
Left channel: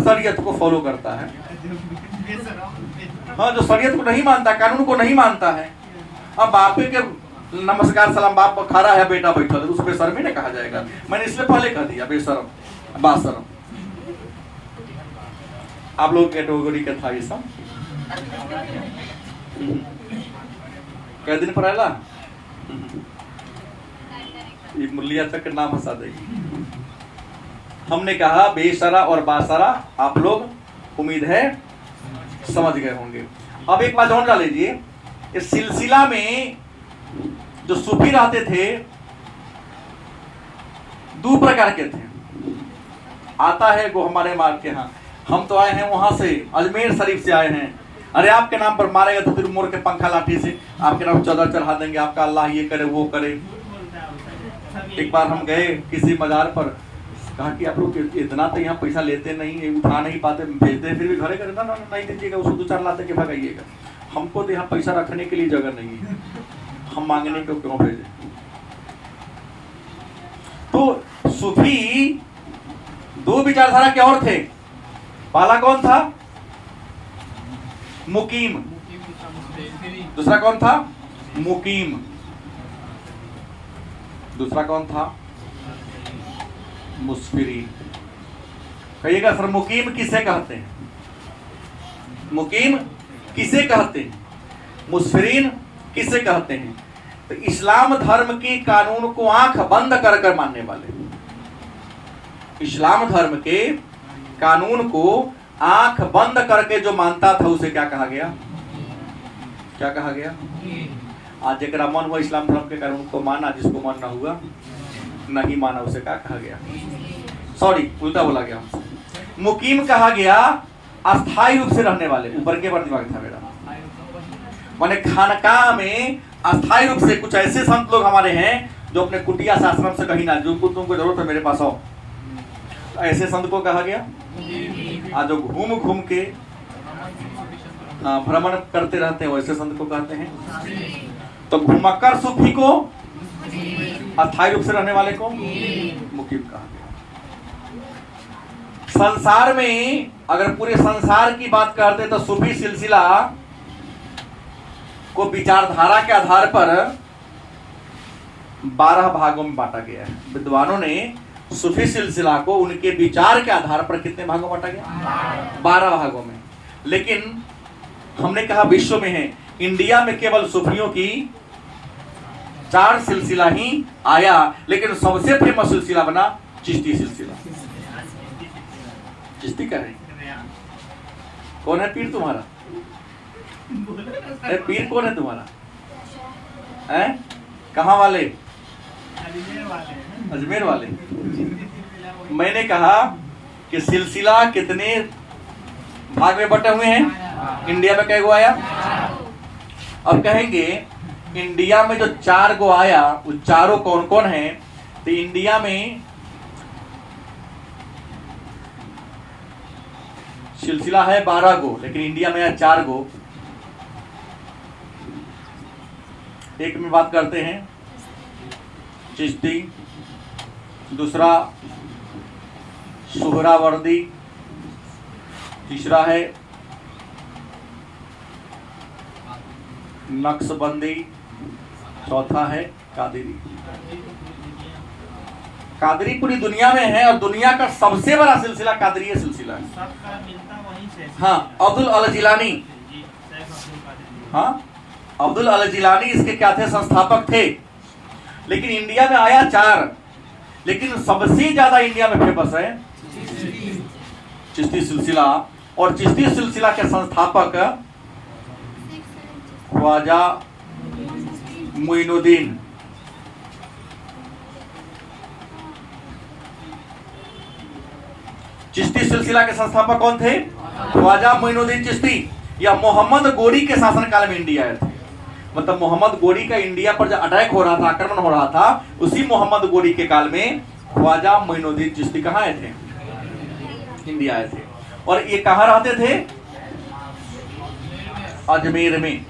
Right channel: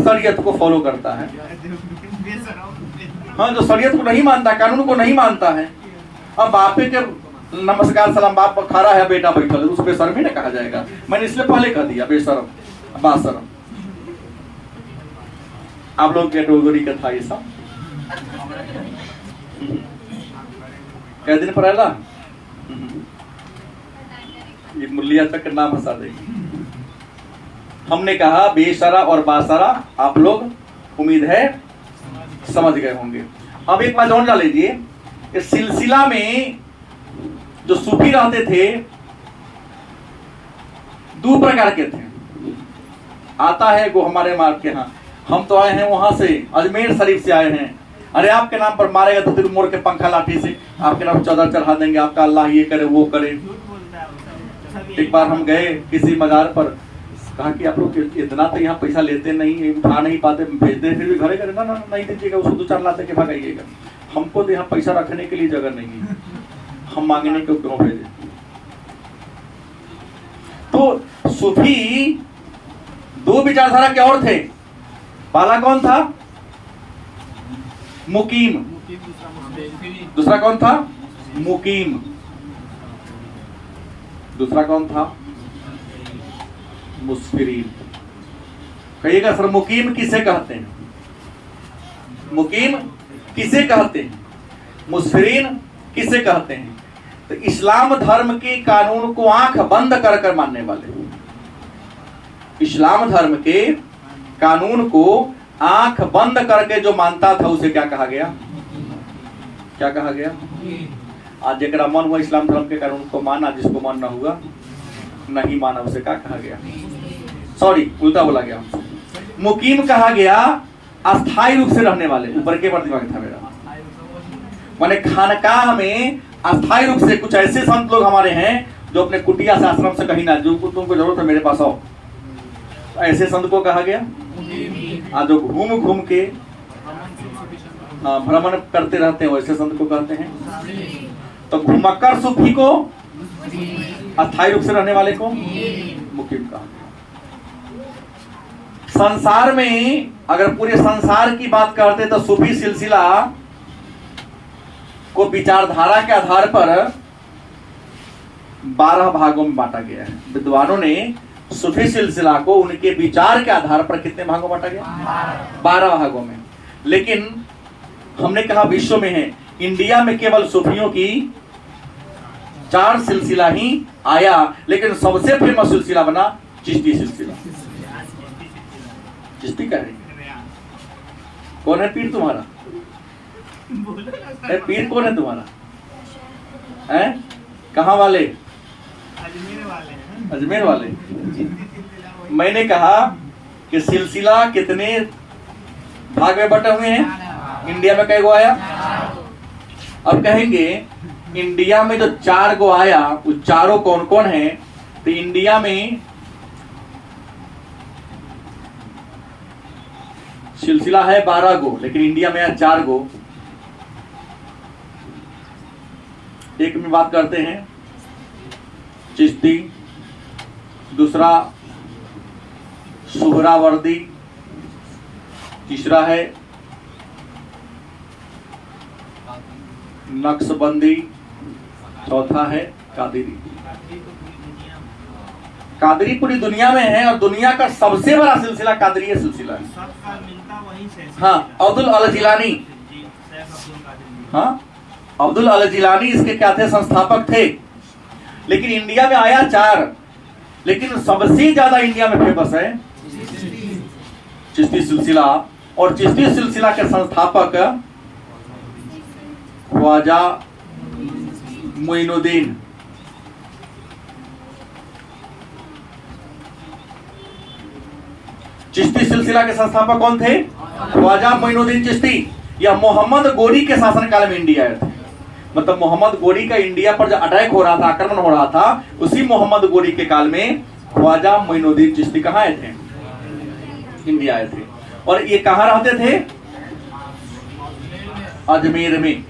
शरीयत को फॉलो करता है। हाँ, जो शरीयत को नहीं मानता, कानून को नहीं मानता है। अब बापे के नमस्कार सलाम, बाप खड़ा है, बेटा बैठा है, उस बेशर्मी नहीं कहा जाएगा। मैंने इसलिए पहले कह दिया बेशरम, बाशरम। आप लोग कैटेगरी का था ये सब। कै दिन पर आएला ये मुलिया तक के नाम हंसा देगी। हमने कहा बेशरा और बाशरा, आप लोग उम्मीद है समझ गए होंगे। अब एक बात और डाल लीजिए, इस सिलसिला में जो सूफी रहते थे 2 प्रकार के थे। आता है वो हमारे मार्ग के, यहाँ हम तो आए हैं वहां से, अजमेर शरीफ से आए हैं। अरे आपके नाम पर मारेगा तो फिर मोड़ के पंखा लाठी से आपके नाम चादर चढ़ा देंगे, आपका अल्लाह ये करे वो करे। एक बार हम गए किसी मजार पर, कहा कि आप लोग इतना तो यहाँ पैसा लेते नहीं, उठा नहीं पाते, भेज दे, फिर भी घरे घरे ना नहीं दीजिएगा, उसको 2-4 लाते के भगाइएगा। हमको तो यहाँ पैसा रखने के लिए जगह नहीं है, हम मांगने को क्यों भेजे? तो सूफी 2 विचारधारा के और थे। पहला कौन था? मुकीम। दूसरा कौन था? मुकीम। दूसरा कौन था? मुस्फिरीन। कहिएगा सर, मुकीम किसे कहते हैं? मुकीम किसे कहते हैं? मुस्फिरीन किसे कहते हैं? तो इस्लाम धर्म के कानून को आंख बंद कर मानने वाले, इस्लाम धर्म के कानून को आंख बंद करके जो मानता था उसे क्या कहा गया? क्या कहा गया? आज जरा मन हुआ इस्लाम धर्म के कानून को माना, जिसको मन ना हुआ नहीं माना उसे क्या कहा गया? सॉरी, उल्टा बोला गया। मुकीम कहा गया अस्थायी रूप से रहने वाले। ऊपर के बार दिमाग था मेरा, माने खानकाह में अस्थायी रूप से। कुछ ऐसे संत लोग हमारे हैं जो अपने कुटिया से आश्रम से कहीं ना, जो तुमको जरूरत है मेरे पास आओ, ऐसे संत को कहा गया। जो घूम घूम के भ्रमण करते रहते हैं वैसे संत को कहते हैं। तो घुमक्कर सूफी को, अस्थायी रूप से रहने वाले को मुकीम कहा गया। संसार में अगर पूरे संसार की बात करते तो सूफी सिलसिला को विचारधारा के आधार पर 12 भागों में बांटा गया है। विद्वानों ने सूफी सिलसिला को उनके विचार के आधार पर कितने भागों में बांटा गया? 12 भागों में। लेकिन हमने कहा विश्व में है, इंडिया में केवल सूफियों की 4 सिलसिला ही आया, लेकिन सबसे फेमस सिलसिला बना चिश्ती सिलसिला। चिश्ती का है। कौन है पीर तुम्हारा? पीर कौन है तुम्हारा? हैं? कहाँ वाले? अजमेर वाले। मैंने कहा कि सिलसिला कितने भाग में बटे हुए हैं? इंडिया में कई गो आया? अब कहेंगे इंडिया में जो 4 गो आया, वो चारों कौन कौन है? तो इंडिया में सिलसिला है 12 गो, लेकिन इंडिया में है 4 गो। एक में बात करते हैं चिश्ती, दूसरा सुहरावर्दी, तीसरा है नक्शबंदी, चौथा है कादरी। कादरी पूरी दुनिया में है और दुनिया का सबसे बड़ा सिलसिला कादरी सिलसिला है। हाँ, अब्दुल अल जिलानी। हाँ, अब्दुल अल जिलानी इसके क्या थे? संस्थापक थे। लेकिन इंडिया में आया 4, लेकिन सबसे ज्यादा इंडिया में फेमस है चिश्ती सिलसिला। और चिश्ती सिलसिला के संस्थापक ख्वाजा मोइनुद्दीन। चिश्ती सिलसिला के संस्थापक कौन थे? ख्वाजा मोइनुद्दीन चिश्ती। या मोहम्मद गोरी के शासनकाल में इंडिया आए थे। मतलब मोहम्मद गोरी का इंडिया पर जो अटैक हो रहा था, आक्रमण हो रहा था, उसी मोहम्मद गोरी के काल में ख्वाजा मोइनुद्दीन चिश्ती कहाँ आए थे? इंडिया आए थे। और ये कहाँ रहते थे? अजमेर में।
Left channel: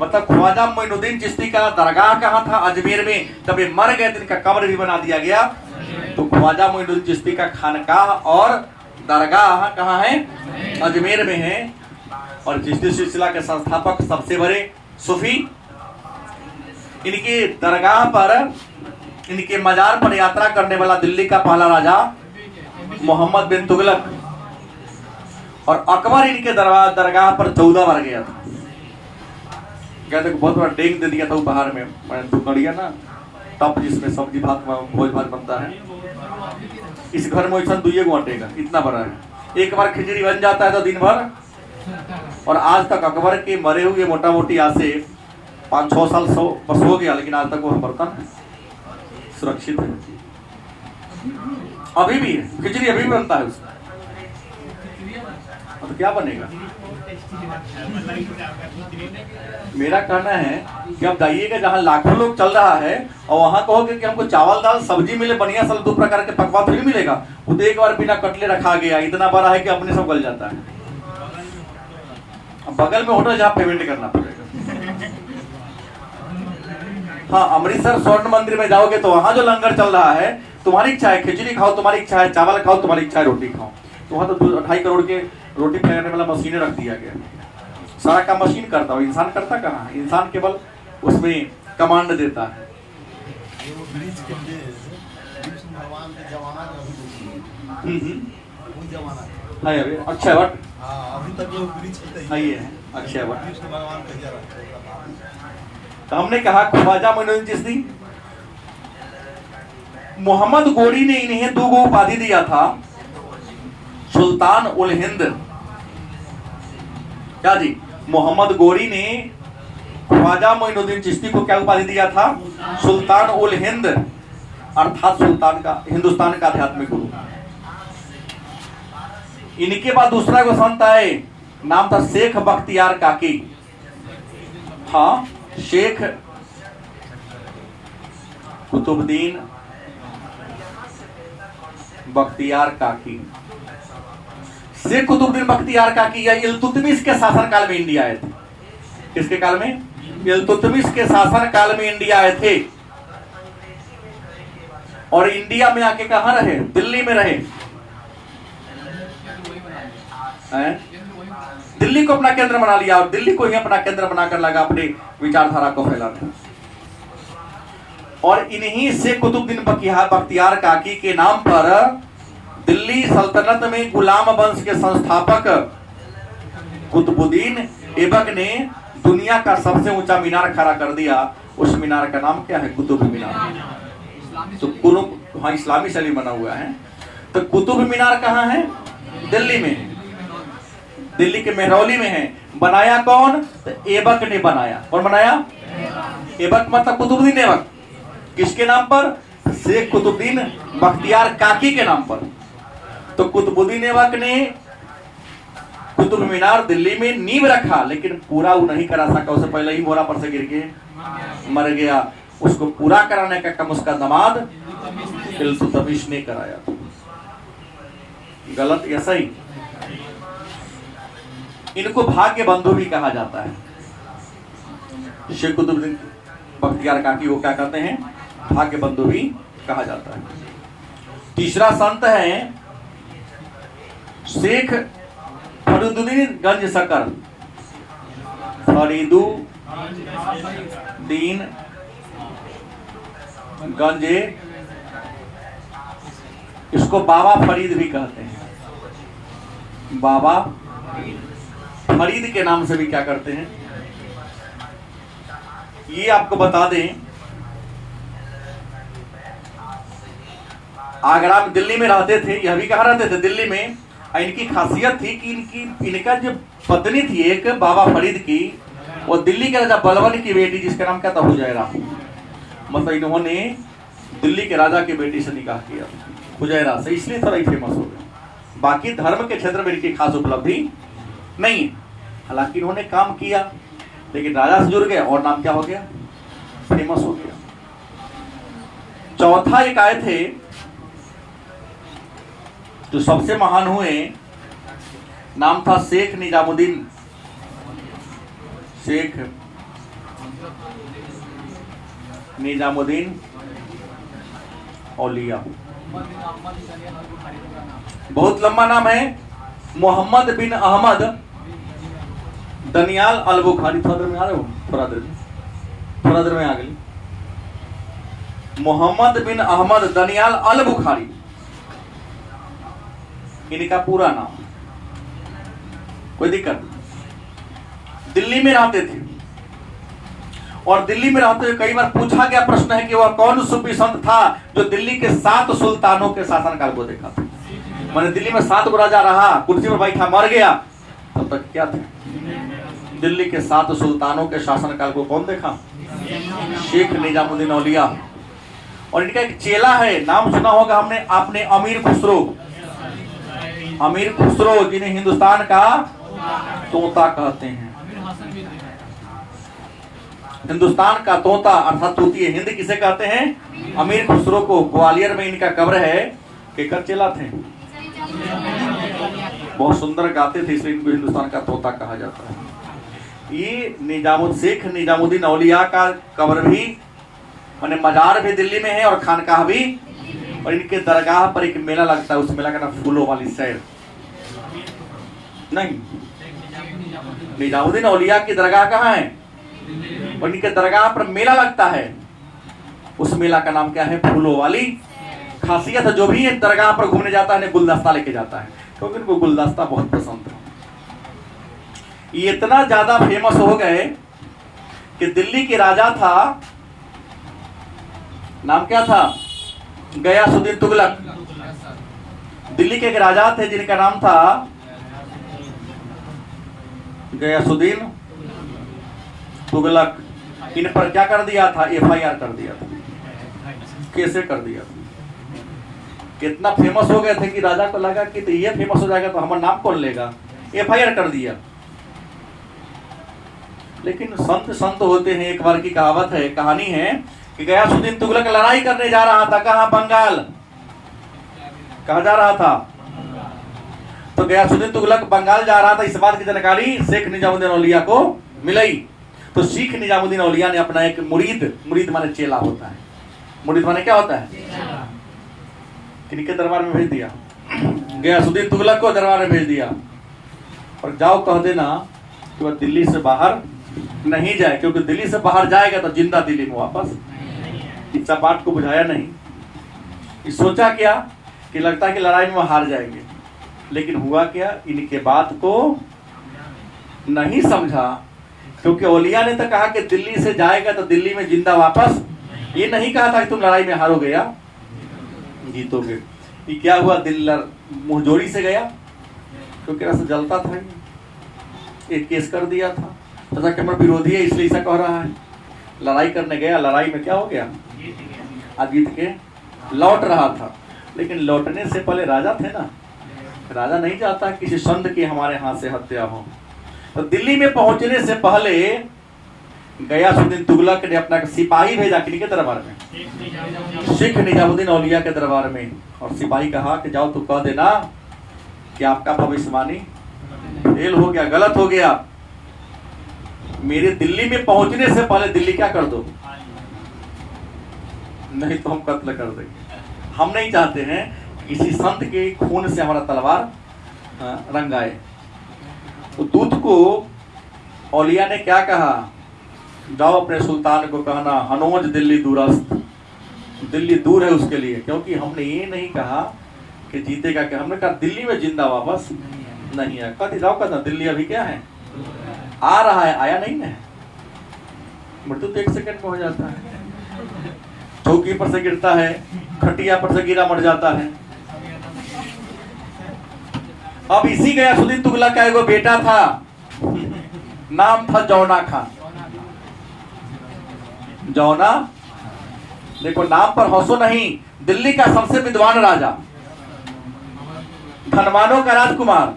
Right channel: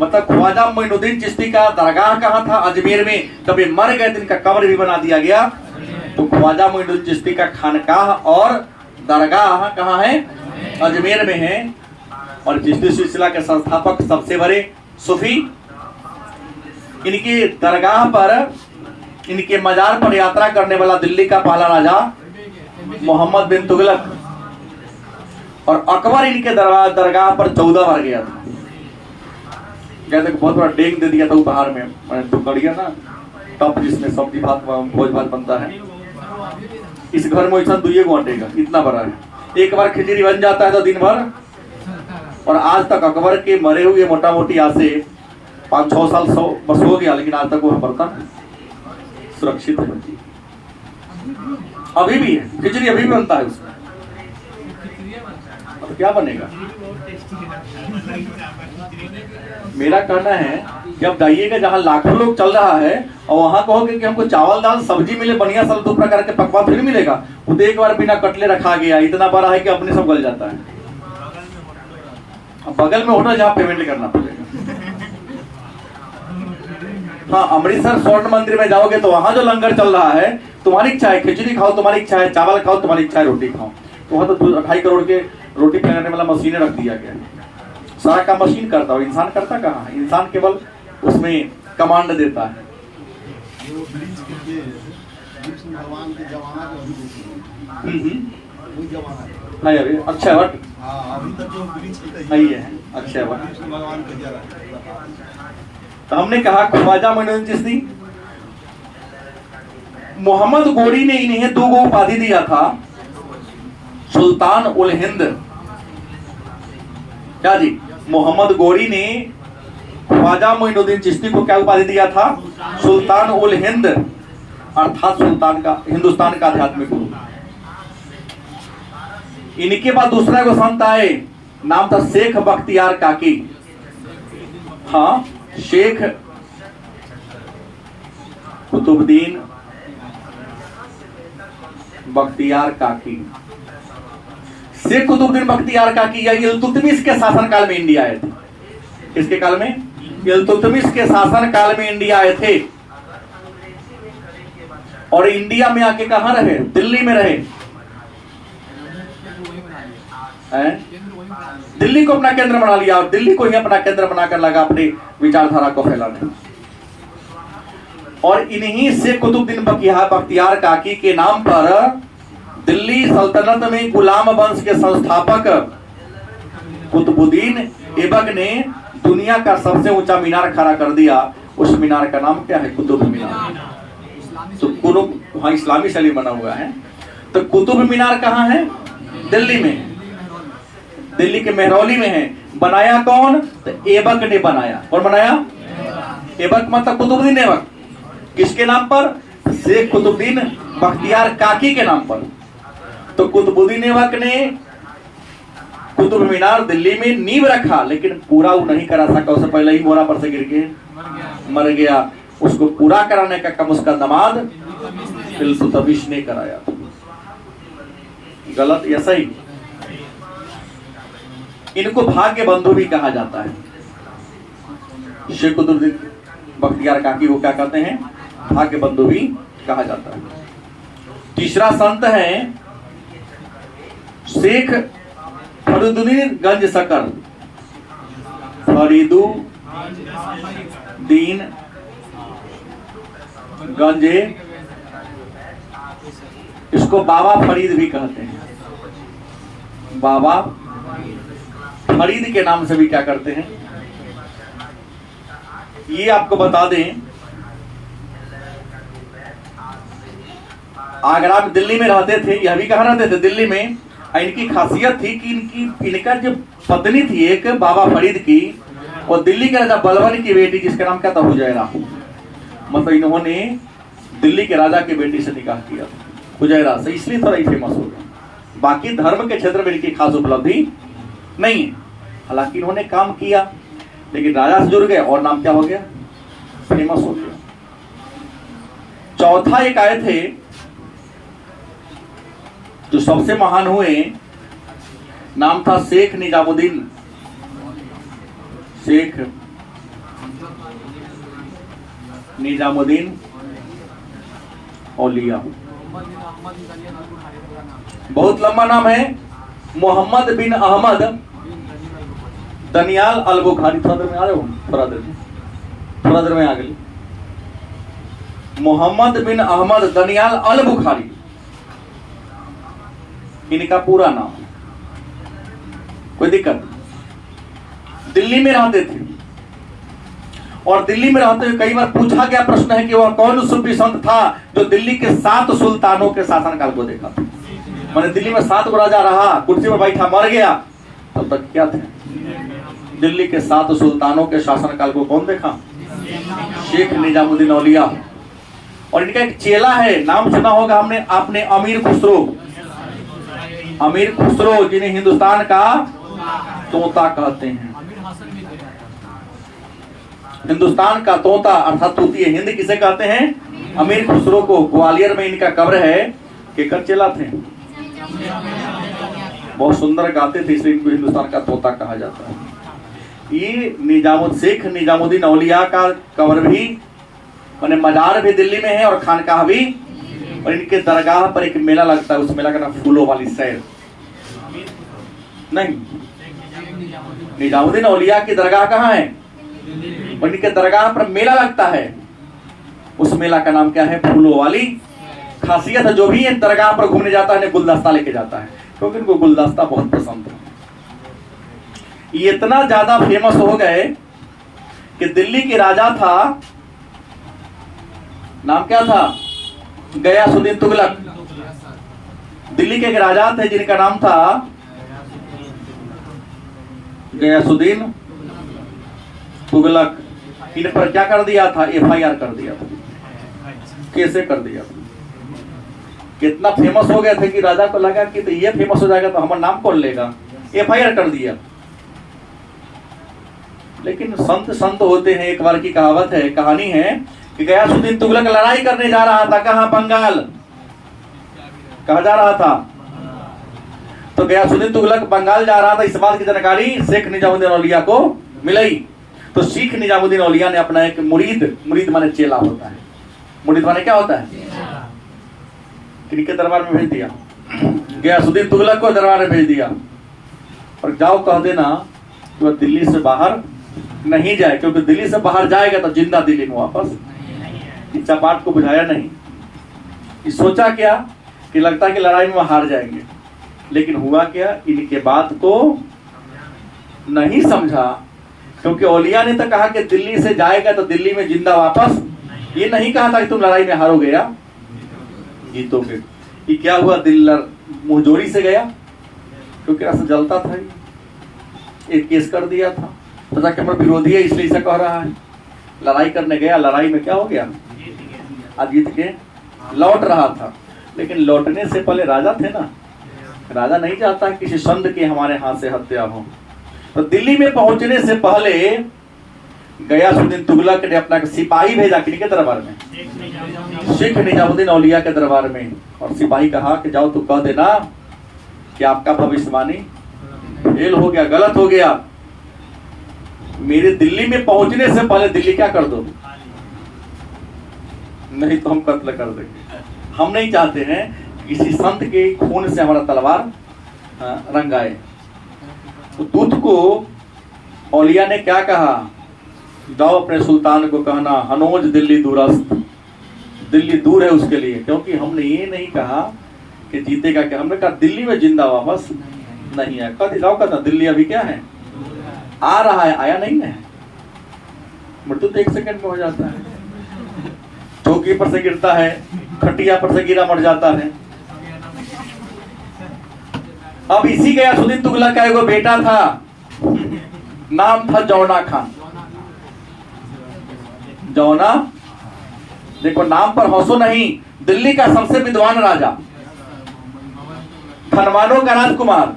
मतलब ख्वाजा मोइनुद्दीन चिश्ती का दरगाह कहाँ था? अजमेर में। कभी मर गए तो इनका कब्र भी बना दिया गया। तो ख्वाजा मोइनुद्दीन चिश्ती का खानकाह और दरगाह कहाँ है? अजमेर में है। और चिश्ती सिलसिला के संस्थापक सबसे बड़े सूफी। इनकी दरगाह पर, इनके मजार पर यात्रा करने वाला दिल्ली का पहला राजा मोहम्मद बिन तुगलक। और अकबर इनके दरगाह पर 14 बार गया था। कहते बहुत बड़ा डेंग दे दिया था उपहार में। मैंने तो कड़िया ना टप, जिसमें सब्जी भात भोज भात बनता है। इस घर में वैसा 2 घंटे का इतना बड़ा है। एक बार खिचड़ी बन जाता है तो दिन भर। और आज तक अकबर के मरे हुए मोटा मोटी आज से 5-6 साल 100 बस हो गया, लेकिन आज तक वो बर्तन सुरक्षित है। अभी भी है, खिचड़ी अभी भी बनता है उसमें। तो क्या बनेगा? मेरा कहना है कि अब जाइएगा जहाँ लाखों लोग चल रहा है और वहां कहोगे कि हमको चावल दाल सब्जी मिले बढ़िया, सब 2 प्रकार के पकवान फिर मिलेगा। वो तो एक बार बिना कटले रखा गया, इतना बड़ा है कि अपने सब गल जाता है। बगल में होटल जहाँ पेमेंट करना पड़ेगा। हाँ, अमृतसर स्वर्ण मंदिर में जाओगे तो वहां जो लंगर चल रहा है, तुम्हारी इच्छा है खिचड़ी खाओ, तुम्हारी इच्छा है चावल खाओ, तुम्हारी इच्छा है रोटी खाओ। तो वहां तो 2.5 करोड़ के रोटी पकाने वाला मशीनें रख दिया गया। सारा काम मशीन करता है, इंसान करता कहाँ है? इंसान केवल उसमें कमांड देता है। अक्षय वट है, अक्षय वट। तो हमने कहा ख्वाजा मोइनुद्दीन चिश्ती। मोहम्मद गोरी ने इन्हें 2 गो उपाधि दिया था, सुल्तान उल हिंद। क्या जी? मोहम्मद गोरी ने ख्वाजा मोइनुद्दीन चिश्ती को क्या उपाधि दिया था? सुल्तान उल हिंद, अर्थात सुल्तान का, हिंदुस्तान का आध्यात्मिक गुरु। इनके बाद दूसरा को संत आए, नाम था शेख बख्तियार काकी। हाँ, शेख कुतुबुद्दीन बख्तियार काकी। शेख कुतुबुद्दीन बख्तियार काकी या इल्तुतमिश के शासन काल में इंडिया आए थे। किसके काल में? इल्तुतमिश के शासन काल में इंडिया आए थे। और इंडिया में आके कहां रहे? दिल्ली में रहे। दिल्ली को अपना केंद्र बना लिया और दिल्ली को ही अपना केंद्र बनाकर लगा अपने विचारधारा को फैलाने। और इन्हीं से कुतुबुद्दीन बख्तियार काकी के नाम पर दिल्ली सल्तनत में गुलाम वंश के संस्थापक कुतुबुद्दीन ऐबक ने दुनिया का सबसे ऊंचा मीनार खड़ा कर दिया। उस मीनार का नाम क्या है? कुतुब मीनार। तो हाँ, इस्लामी शैली बना हुआ है। तो कुतुब मीनार कहाँ है? दिल्ली में। दिल्ली के मेहरौली में है। बनाया कौन? तो ऐबक ने बनाया। कौन बनाया? ऐबक मतलब कुतुबुद्दीन ऐबक। किसके नाम पर? शेख कुतुबुद्दीन बख्तियार काकी के नाम पर। तो कुतुबुद्दीन ऐबक ने कुतुब मीनार दिल्ली में नींव रखा, लेकिन पूरा वो नहीं करा सका। उससे पहले ही मोरा पर से गिर के मर गया। उसको पूरा कराने का काम उसका दामाद इल्तुतमिश ने कराया। गलत या सही? इनको भाग्य बंधु भी कहा जाता है। शेख कुतुबुद्दीन बख्तियार काकी को क्या कहते हैं? भाग्य बंधु भी कहा जाता है। तीसरा संत है शेख फरीदुद्दीन गंज शकर। फरीदुद्दीन गंजे, इसको बाबा फरीद भी कहते हैं। बाबा फरीद के नाम से भी क्या करते हैं? ये आपको बता दें, आगरा में, दिल्ली में रहते थे। यह भी कहाँ रहते थे? दिल्ली में। इनकी खासियत थी कि इनका जो पत्नी थी एक बाबा फरीद की, और दिल्ली के राजा बलबन की बेटी, जिसका नाम क्या था? हुजैरा। मतलब इन्होंने दिल्ली के राजा की बेटी से निकाह किया हुजैरा से, इसलिए थोड़ा ही फेमस हो गया। बाकी धर्म के क्षेत्र में इनकी खास उपलब्धि नहीं है। हालांकि इन्होंने काम किया, लेकिन राजा से जुड़ गए और नाम क्या हो गया? फेमस हो गया। चौथा एक आए थे जो सबसे महान हुए, नाम था शेख निजामुद्दीन। शेख निजामुद्दीन औलिया। बहुत लंबा नाम है। मोहम्मद बिन अहमद दनियाल अल बुखारी। थोड़ा देर में आ रहे हो? थोड़ा देर में आ गई। मोहम्मद बिन अहमद दनियाल अल बुखारी इनका पूरा नाम। कोई दिक्कत? दिल्ली में रहते थे, और दिल्ली में रहते हुए कई बार पूछा गया प्रश्न है कि वह कौन सूफी संत था जो दिल्ली के 7 सुल्तानों के शासनकाल को देखा था। मैंने दिल्ली में 7 को राजा रहा, कुर्सी पर बैठा, मर गया, तब तक क्या थे? दिल्ली के 7 सुल्तानों के शासनकाल को कौन देखा? शेख निजामुद्दीन औलिया। और इनका एक चेला है, नाम सुना होगा हमने आपने, अमीर खुसरो। अमीर खुसरो, जिन्हें हिंदुस्तान का तोता कहते हैं। हिंदुस्तान का तोता अर्थात तोती हिंद किसे कहते हैं? अमीर खुसरो को। ग्वालियर में इनका कब्र है। केकर चेला थे? बहुत सुंदर गाते थे, इसलिए इनको हिंदुस्तान का तोता कहा जाता है। ये शेख निजामुद्दीन औलिया का कब्र भी, मैंने मजार भी दिल्ली में है और खानकाह भी। और इनके दरगाह पर एक मेला लगता है, उस मेला का नाम फूलों वाली सैर। नहीं, निजामुद्दीन औलिया की दरगाह कहाँ है? और इनके दरगाह पर मेला लगता है, उस मेला का नाम क्या है? फूलों वाली। खासियत है, जो भी है दरगाह पर घूमने जाता है गुलदस्ता लेके जाता है, क्योंकि इनको गुलदस्ता बहुत पसंद है। ये इतना ज्यादा फेमस हो गए कि दिल्ली के राजा था, नाम क्या था? गयासुद्दीन तुगलक। दिल्ली के एक राजा थे जिनका नाम था गयासुद्दीन तुगलक। इन पर क्या कर दिया था? FIR कर दिया था। कैसे कर दिया? कितना फेमस हो गए थे कि राजा को लगा कि तो ये फेमस हो जाएगा तो हमारा नाम कौन लेगा, FIR कर दिया। लेकिन संत होते हैं। एक बार की कहावत है, कहानी है कि गयासुद्दीन तुगलक लड़ाई करने जा रहा था। कहां? बंगाल। कहा जा रहा था? तो गयासुद्दीन तुगलक बंगाल जा रहा था। इस बात की जानकारी शेख निजामुद्दीन औलिया को मिली। तो शेख निजामुद्दीन औलिया ने अपना एक मुरीद माने चेला होता है, मुरीद माने क्या होता है? किनके दरबार में भेज दिया? गयासुद्दीन तुगलक को दरबार में भेज दिया, और जाओ कह देना कि वह दिल्ली से बाहर नहीं जाए, क्योंकि दिल्ली से बाहर जाएगा तो जिंदा दिल्ली में वापस। इस बात को बुझाया नहीं। सोचा क्या कि लगता है कि लड़ाई में हार जाएंगे, लेकिन हुआ क्या? इनके बात को नहीं समझा, क्योंकि औलिया ने तो कहा कि दिल्ली से जाएगा तो दिल्ली में जिंदा वापस। ये नहीं कहा था कि तुम लड़ाई में हारोगे या जीतोगे। ये क्या हुआ? दिल मुंहजोरी से गया, क्योंकि रास्ता जलता था। एक केस कर दिया था, सोचा कि हमारा विरोधी है इसलिए ऐसा कह रहा है। लड़ाई करने गया, लड़ाई में क्या हो गया, जीत के लौट रहा था। लेकिन लौटने से पहले राजा थे ना, राजा नहीं चाहता किसी संत की हमारे हाथ से हत्या हो। तो दिल्ली में पहुंचने से पहले गयासुद्दीन तुगलक ने अपना सिपाही भेजा किनके दरबार में, शेख निजामुद्दीन औलिया के दरबार में। और सिपाही कहा कि जाओ तो कह देना कि आपका भविष्यवाणी फेल हो गया, गलत हो गया। मेरे दिल्ली में पहुंचने से पहले दिल्ली क्या कर दो, नहीं तो हम कत्ल कर देंगे। हम नहीं चाहते हैं किसी संत के खून से हमारा तलवार रंगाए। तो दूत को औलिया ने क्या कहा, जाओ अपने सुल्तान को कहना हनोज दिल्ली दूरस्त, दिल्ली दूर है उसके लिए। क्योंकि हमने ये नहीं कहा कि जीतेगा, क्या हमने कहा दिल्ली में जिंदा वापस नहीं है। कह जाओ, कहता दिल्ली अभी क्या है, आ रहा है, आया नहीं है। मृत्यु तो 1 सेकंड में हो जाता है, चौकी पर से गिरता है, खटिया पर से गिरा मर जाता है। अब इसी गयासुद्दीन तुगलक का एगो बेटा था, नाम था जौना खान। जौना, देखो नाम पर हंसो नहीं, दिल्ली का सबसे विद्वान राजा, धनवानों का राजकुमार।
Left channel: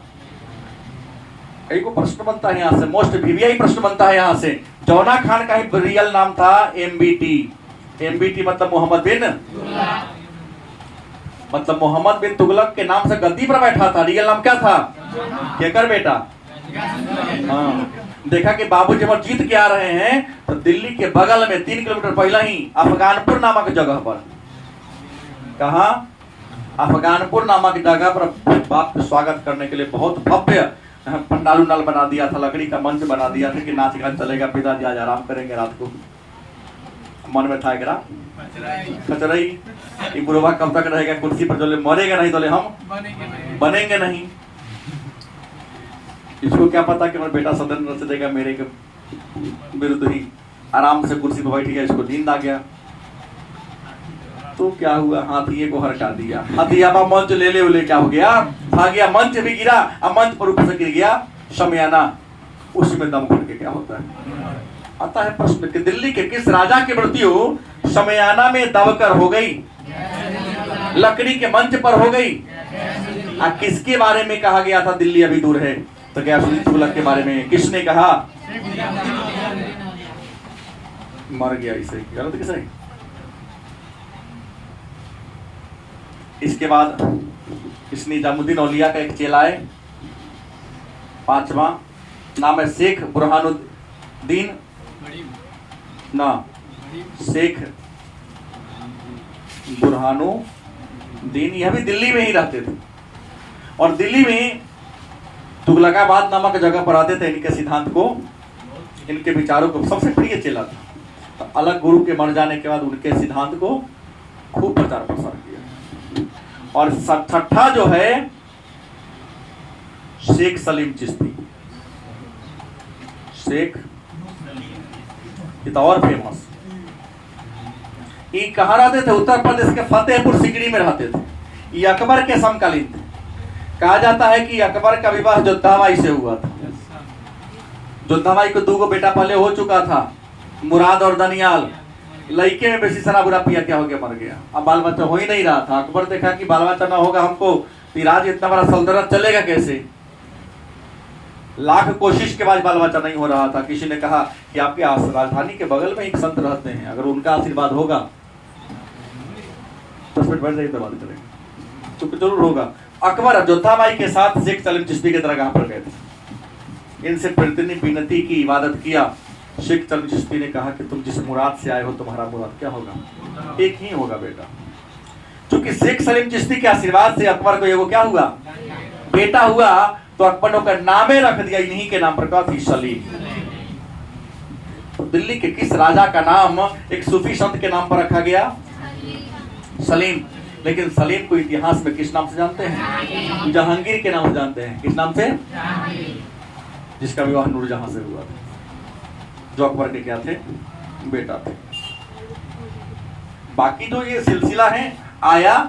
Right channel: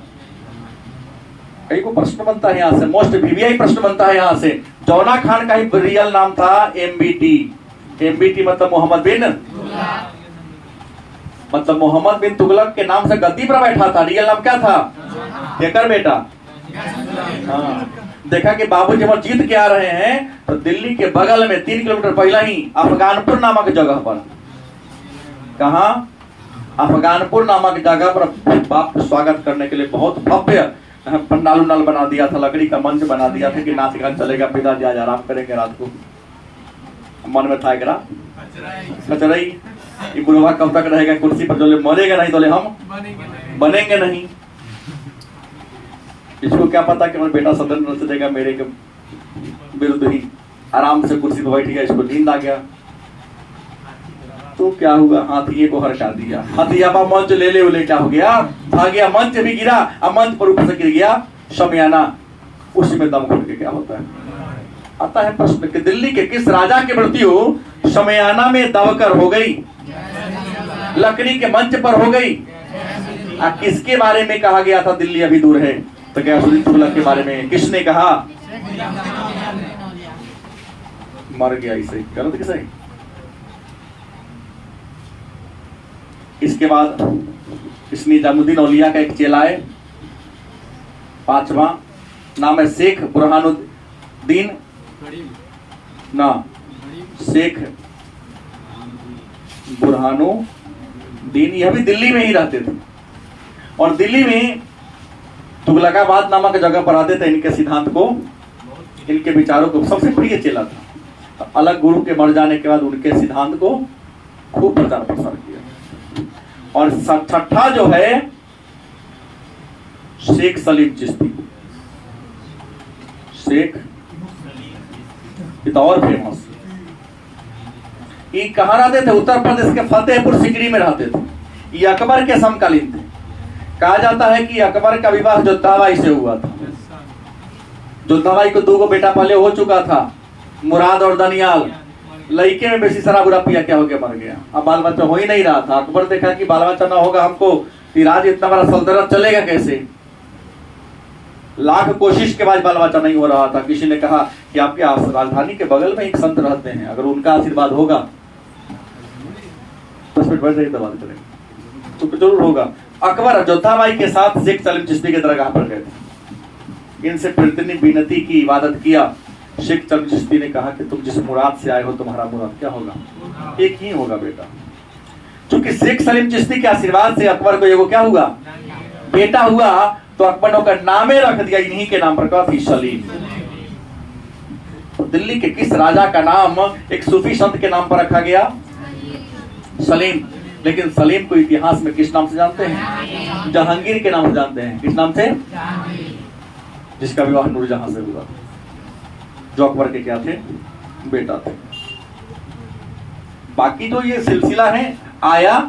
एक प्रश्न बनता है यहाँ से, मोस्ट वीवीआई प्रश्न बनता है यहाँ से। जौना खान का ही रियल नाम था एमबीटी। एमबीटी मतलब मोहम्मद बिन, मतलब मोहम्मद बिन तुगलक के नाम से गद्दी पर बैठा था। रियल नाम क्या था, केकर बेटा। हाँ, देखा कि बाबूजी वो जीत के आ रहे हैं, तो दिल्ली के बगल में 3 किलोमीटर पहले ही अफगानपुर नामक जगह पर, कहा अफगानपुर नामक जगह पर बाप को स्वागत करने के लिए बहुत भव्य पंडाल उंडाल बना दिया था, लकड़ी का मंच बना दिया था कि नाच गान चलेगा, पिताजी आज आराम करेंगे रात को। मन में था एकरा कचरई, ये बुढ़वा कब तक रहेगा कुर्सी पर, जो मरेगा नहीं तो हम बनेंगे नहीं। इसको क्या पता कि बेटा सदन रच देगा मेरे के विरुद्ध ही, आराम से कुर्सी पर बैठ गया, इसको नींद आ गया। तो क्या हुआ, हाथी को हरका दिया, हाथी अब मंच ले ले उले, क्या हो गया, भाग गया, मंच भी गिरा, अब मंच पर ऊपर से गिर गया शमियाना, उसी में दम घुट के क्या होता है। आता है प्रश्न कि दिल्ली के किस राजा की मृत्यु शमियाना में दबकर हो गई, लकड़ी के मंच पर हो गई। किसके बारे में कहा गया था दिल्ली अभी दूर है, तो गयासुद्दीन तुगलक के बारे में। किसने कहा, मर गया, इसे गलत कि सही। इसके बाद इस निजामुद्दीन औलिया का एक चेला है, 5वां नाम है शेख बुरहानुद्दीन, ना शेख बुरहानुद्दीन, यह भी दिल्ली में ही रहते थे। और दिल्ली में तुगलकाबाद नामक जगह पर आते थे। इनके सिद्धांत को, इनके विचारों को सबसे प्रिय चेला था। तो अलग गुरु के मर जाने के बाद उनके सिद्धांत को खूब प्रचार प्रसार किया। और 6ठा जो है शेख सलीम चिश्ती, शेख और फेमस। ये कहाँ रहते थे, उत्तर प्रदेश के फतेहपुर सिकरी में रहते थे। ये अकबर के समकालीन थे। कहा जाता है कि अकबर का विवाह जोधाबाई से हुआ था। जोधाबाई को 2 बेटा पहले हो चुका था, मुराद और दनियाल। लड़के में बेसी शराब उरा पिया, क्या हो गया, मर गया। अब बाल बच्चा हो ही नहीं रहा था। अकबर देखा कि बाल बच्चा ना होगा हमको, राज इतना बड़ा सल्तनत चलेगा कैसे। लाख कोशिश के बाद बाल बच्चा नहीं हो रहा था। किसी ने कहा कि आपके राजधानी के बगल में एक संत रहते हैं, अगर उनका आशीर्वाद होगा 10 मिनट बैठ जाइए तो बात करें तो जरूर होगा। अकबर जोधाबाई के साथ शेख सलीम चिश्ती के दरगाह पर गए थे। इनसे प्रतिदिन विनती की, इबादत किया। शेख सलीम चिश्ती ने कहा कि तुम जिस मुराद से आए हो, तुम्हारा मुराद क्या होगा, एक ही होगा बेटा। क्योंकि शेख सलीम चिश्ती के आशीर्वाद से अकबर को ये वो क्या हुआ, बेटा हुआ। तो अकबर ने उसका नामे रख दिया इन्हीं के नाम पर, क्या थी, सलीम। तो दिल्ली के किस राजा का नाम एक सूफी संत के नाम पर रखा गया, सलीम। लेकिन सलीम को इतिहास में किस नाम से जानते हैं, जहांगीर के नाम से जानते हैं। किस नाम से, जिसका विवाह नूरजहां से हुआ, जो अकबर के क्या थे, बेटा थे। बाकी तो ये सिलसिला है आया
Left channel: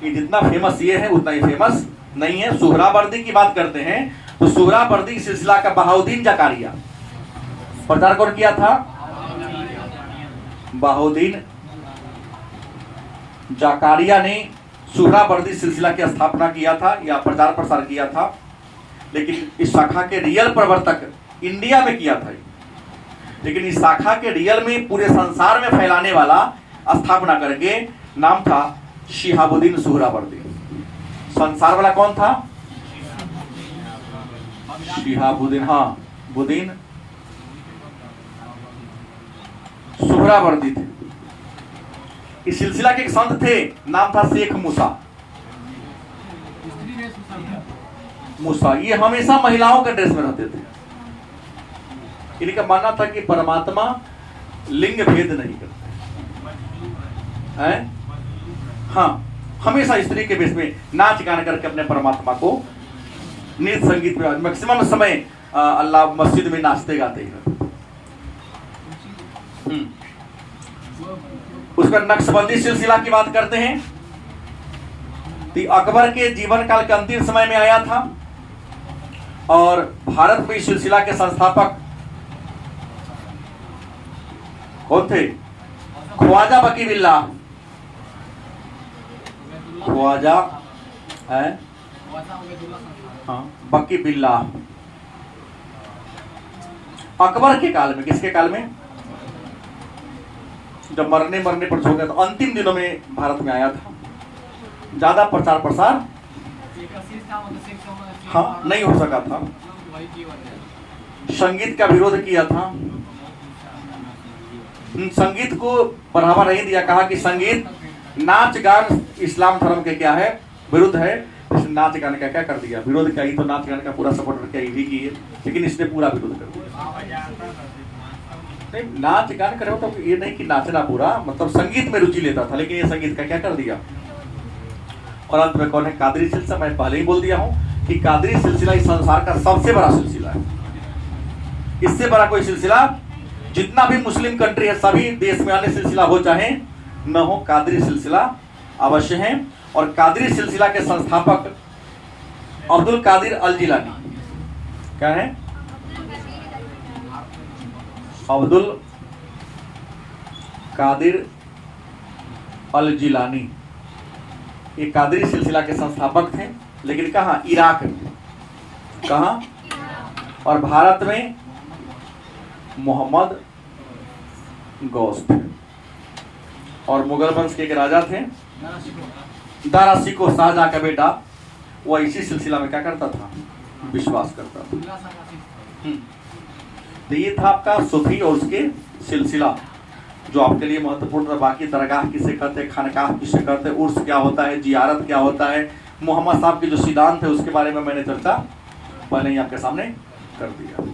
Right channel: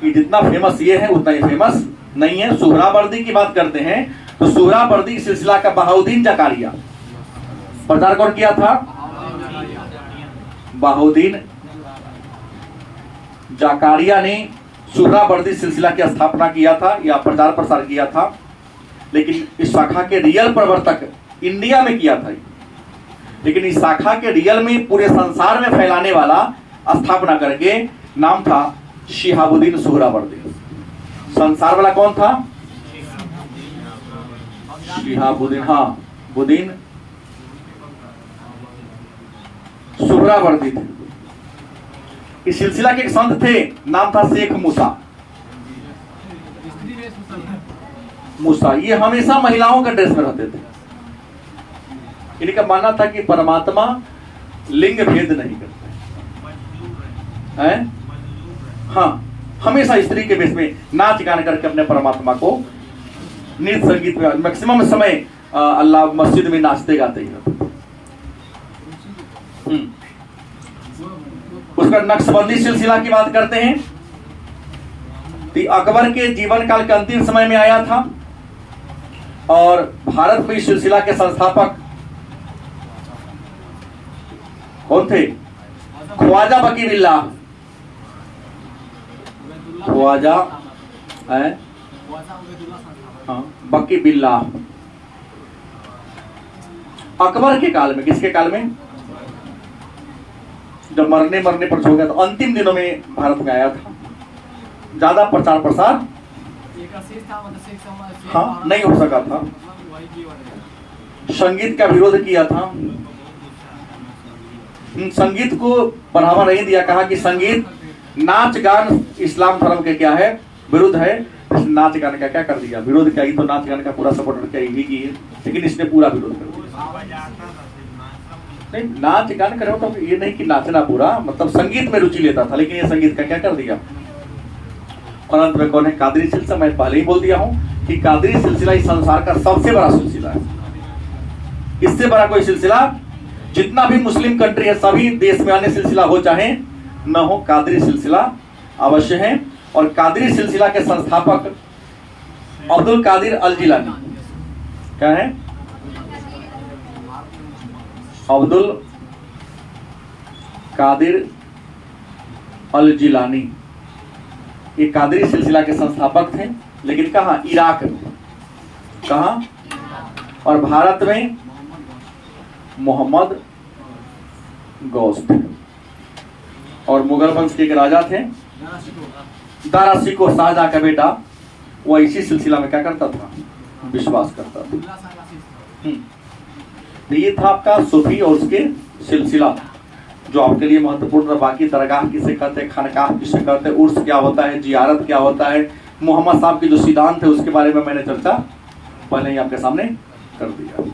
कि जितना फेमस ये है उतना ही फेमस नहीं है। सुहरावर्दी की बात करते हैं तो सुहरावर्दी सिलसिला का बहाउद्दीन जकारिया प्रचार कौन किया था? बहाउद्दीन जकारिया ने सुहरावर्दी सिलसिला की स्थापना किया था या प्रचार प्रसार किया था। लेकिन इस शाखा के रियल प्रवर्तक इंडिया में किया था, लेकिन इस शाखा के रियल में पूरे संसार में फैलाने वाला स्थापना करके नाम था शिहाबुद्दीन सुहरावर्दी। संसार वाला कौन था? शिहाबुद्दीन, हाँ, बुद्दीन सुहरावर्दी थे। इस सिलसिला के एक संत थे, नाम था शेख मूसा। ये हमेशा महिलाओं के ड्रेस में रहते थे। इनका मानना था कि परमात्मा लिंग भेद नहीं करते हैं। हाँ, हमेशा स्त्री के वेश में नाच गान करके अपने परमात्मा को नृत्य संगीत में मैक्सिमम समय अल्लाह मस्जिद में नाचते गाते ही रहते। उसका नक्शबंदी सिलसिला की बात करते हैं तो अकबर के जीवन काल के अंतिम समय में आया था और भारत में इस सिलसिला के संस्थापक कौन थे? ख्वाजा बकी बिल्लाह। ख्वाजा है, हाँ, बकी बिल्लाह। अकबर के काल में, किसके काल में? जब मरने पर सो गया, तो अंतिम दिनों में भारत में आया था। ज्यादा प्रचार प्रसार हाँ नहीं हो सका था। संगीत का विरोध किया था, संगीत को बढ़ावा नहीं दिया। कहा कि संगीत, नाच गान इस्लाम धर्म के क्या है? विरुद्ध है। नाच गान का क्या कर दिया? विरोध किया। तो नाच गान का पूरा सपोर्ट किया ही की है, लेकिन इसने पूरा विरोध कर दिया। नहीं, नाच गान करो तो ये नहीं कि नाचना पूरा, मतलब संगीत में रुचि लेता था, लेकिन ये संगीत का क्या कर दिया? और अंत में कौन है? कादरी सिलसिला। मैं पहले ही बोल दिया हूं कि कादरी सिलसिला इस संसार का सबसे बड़ा सिलसिला है। इससे बड़ा कोई सिलसिला, जितना भी मुस्लिम कंट्री है, सभी देश में अन्य सिलसिला हो चाहे न हो, कादरी सिलसिला अवश्य है। और कादरी सिलसिला के संस्थापक अब्दुल कादिर अल जिलानी। क्या है? अब्दुल कादिर अल जिलानी। ये कादरी सिलसिला के संस्थापक थे, लेकिन कहाँ? इराक में। कहाँ? और भारत में मोहम्मद गौस थे। और मुगल वंश के एक राजा थे, दारा शिकोह शाहजहां का बेटा। वह इसी सिलसिला में क्या करता था? विश्वास करता था। तो ये था आपका सूफी और उसके सिलसिला, जो आपके लिए महत्वपूर्ण है। बाकी दरगाह किसे कहते हैं, खानकाह किसे कहते हैं, उर्स क्या होता है, जियारत क्या होता है, मोहम्मद साहब के जो सिद्धांत है उसके बारे में मैंने चर्चा पहले ही आपके सामने कर दिया।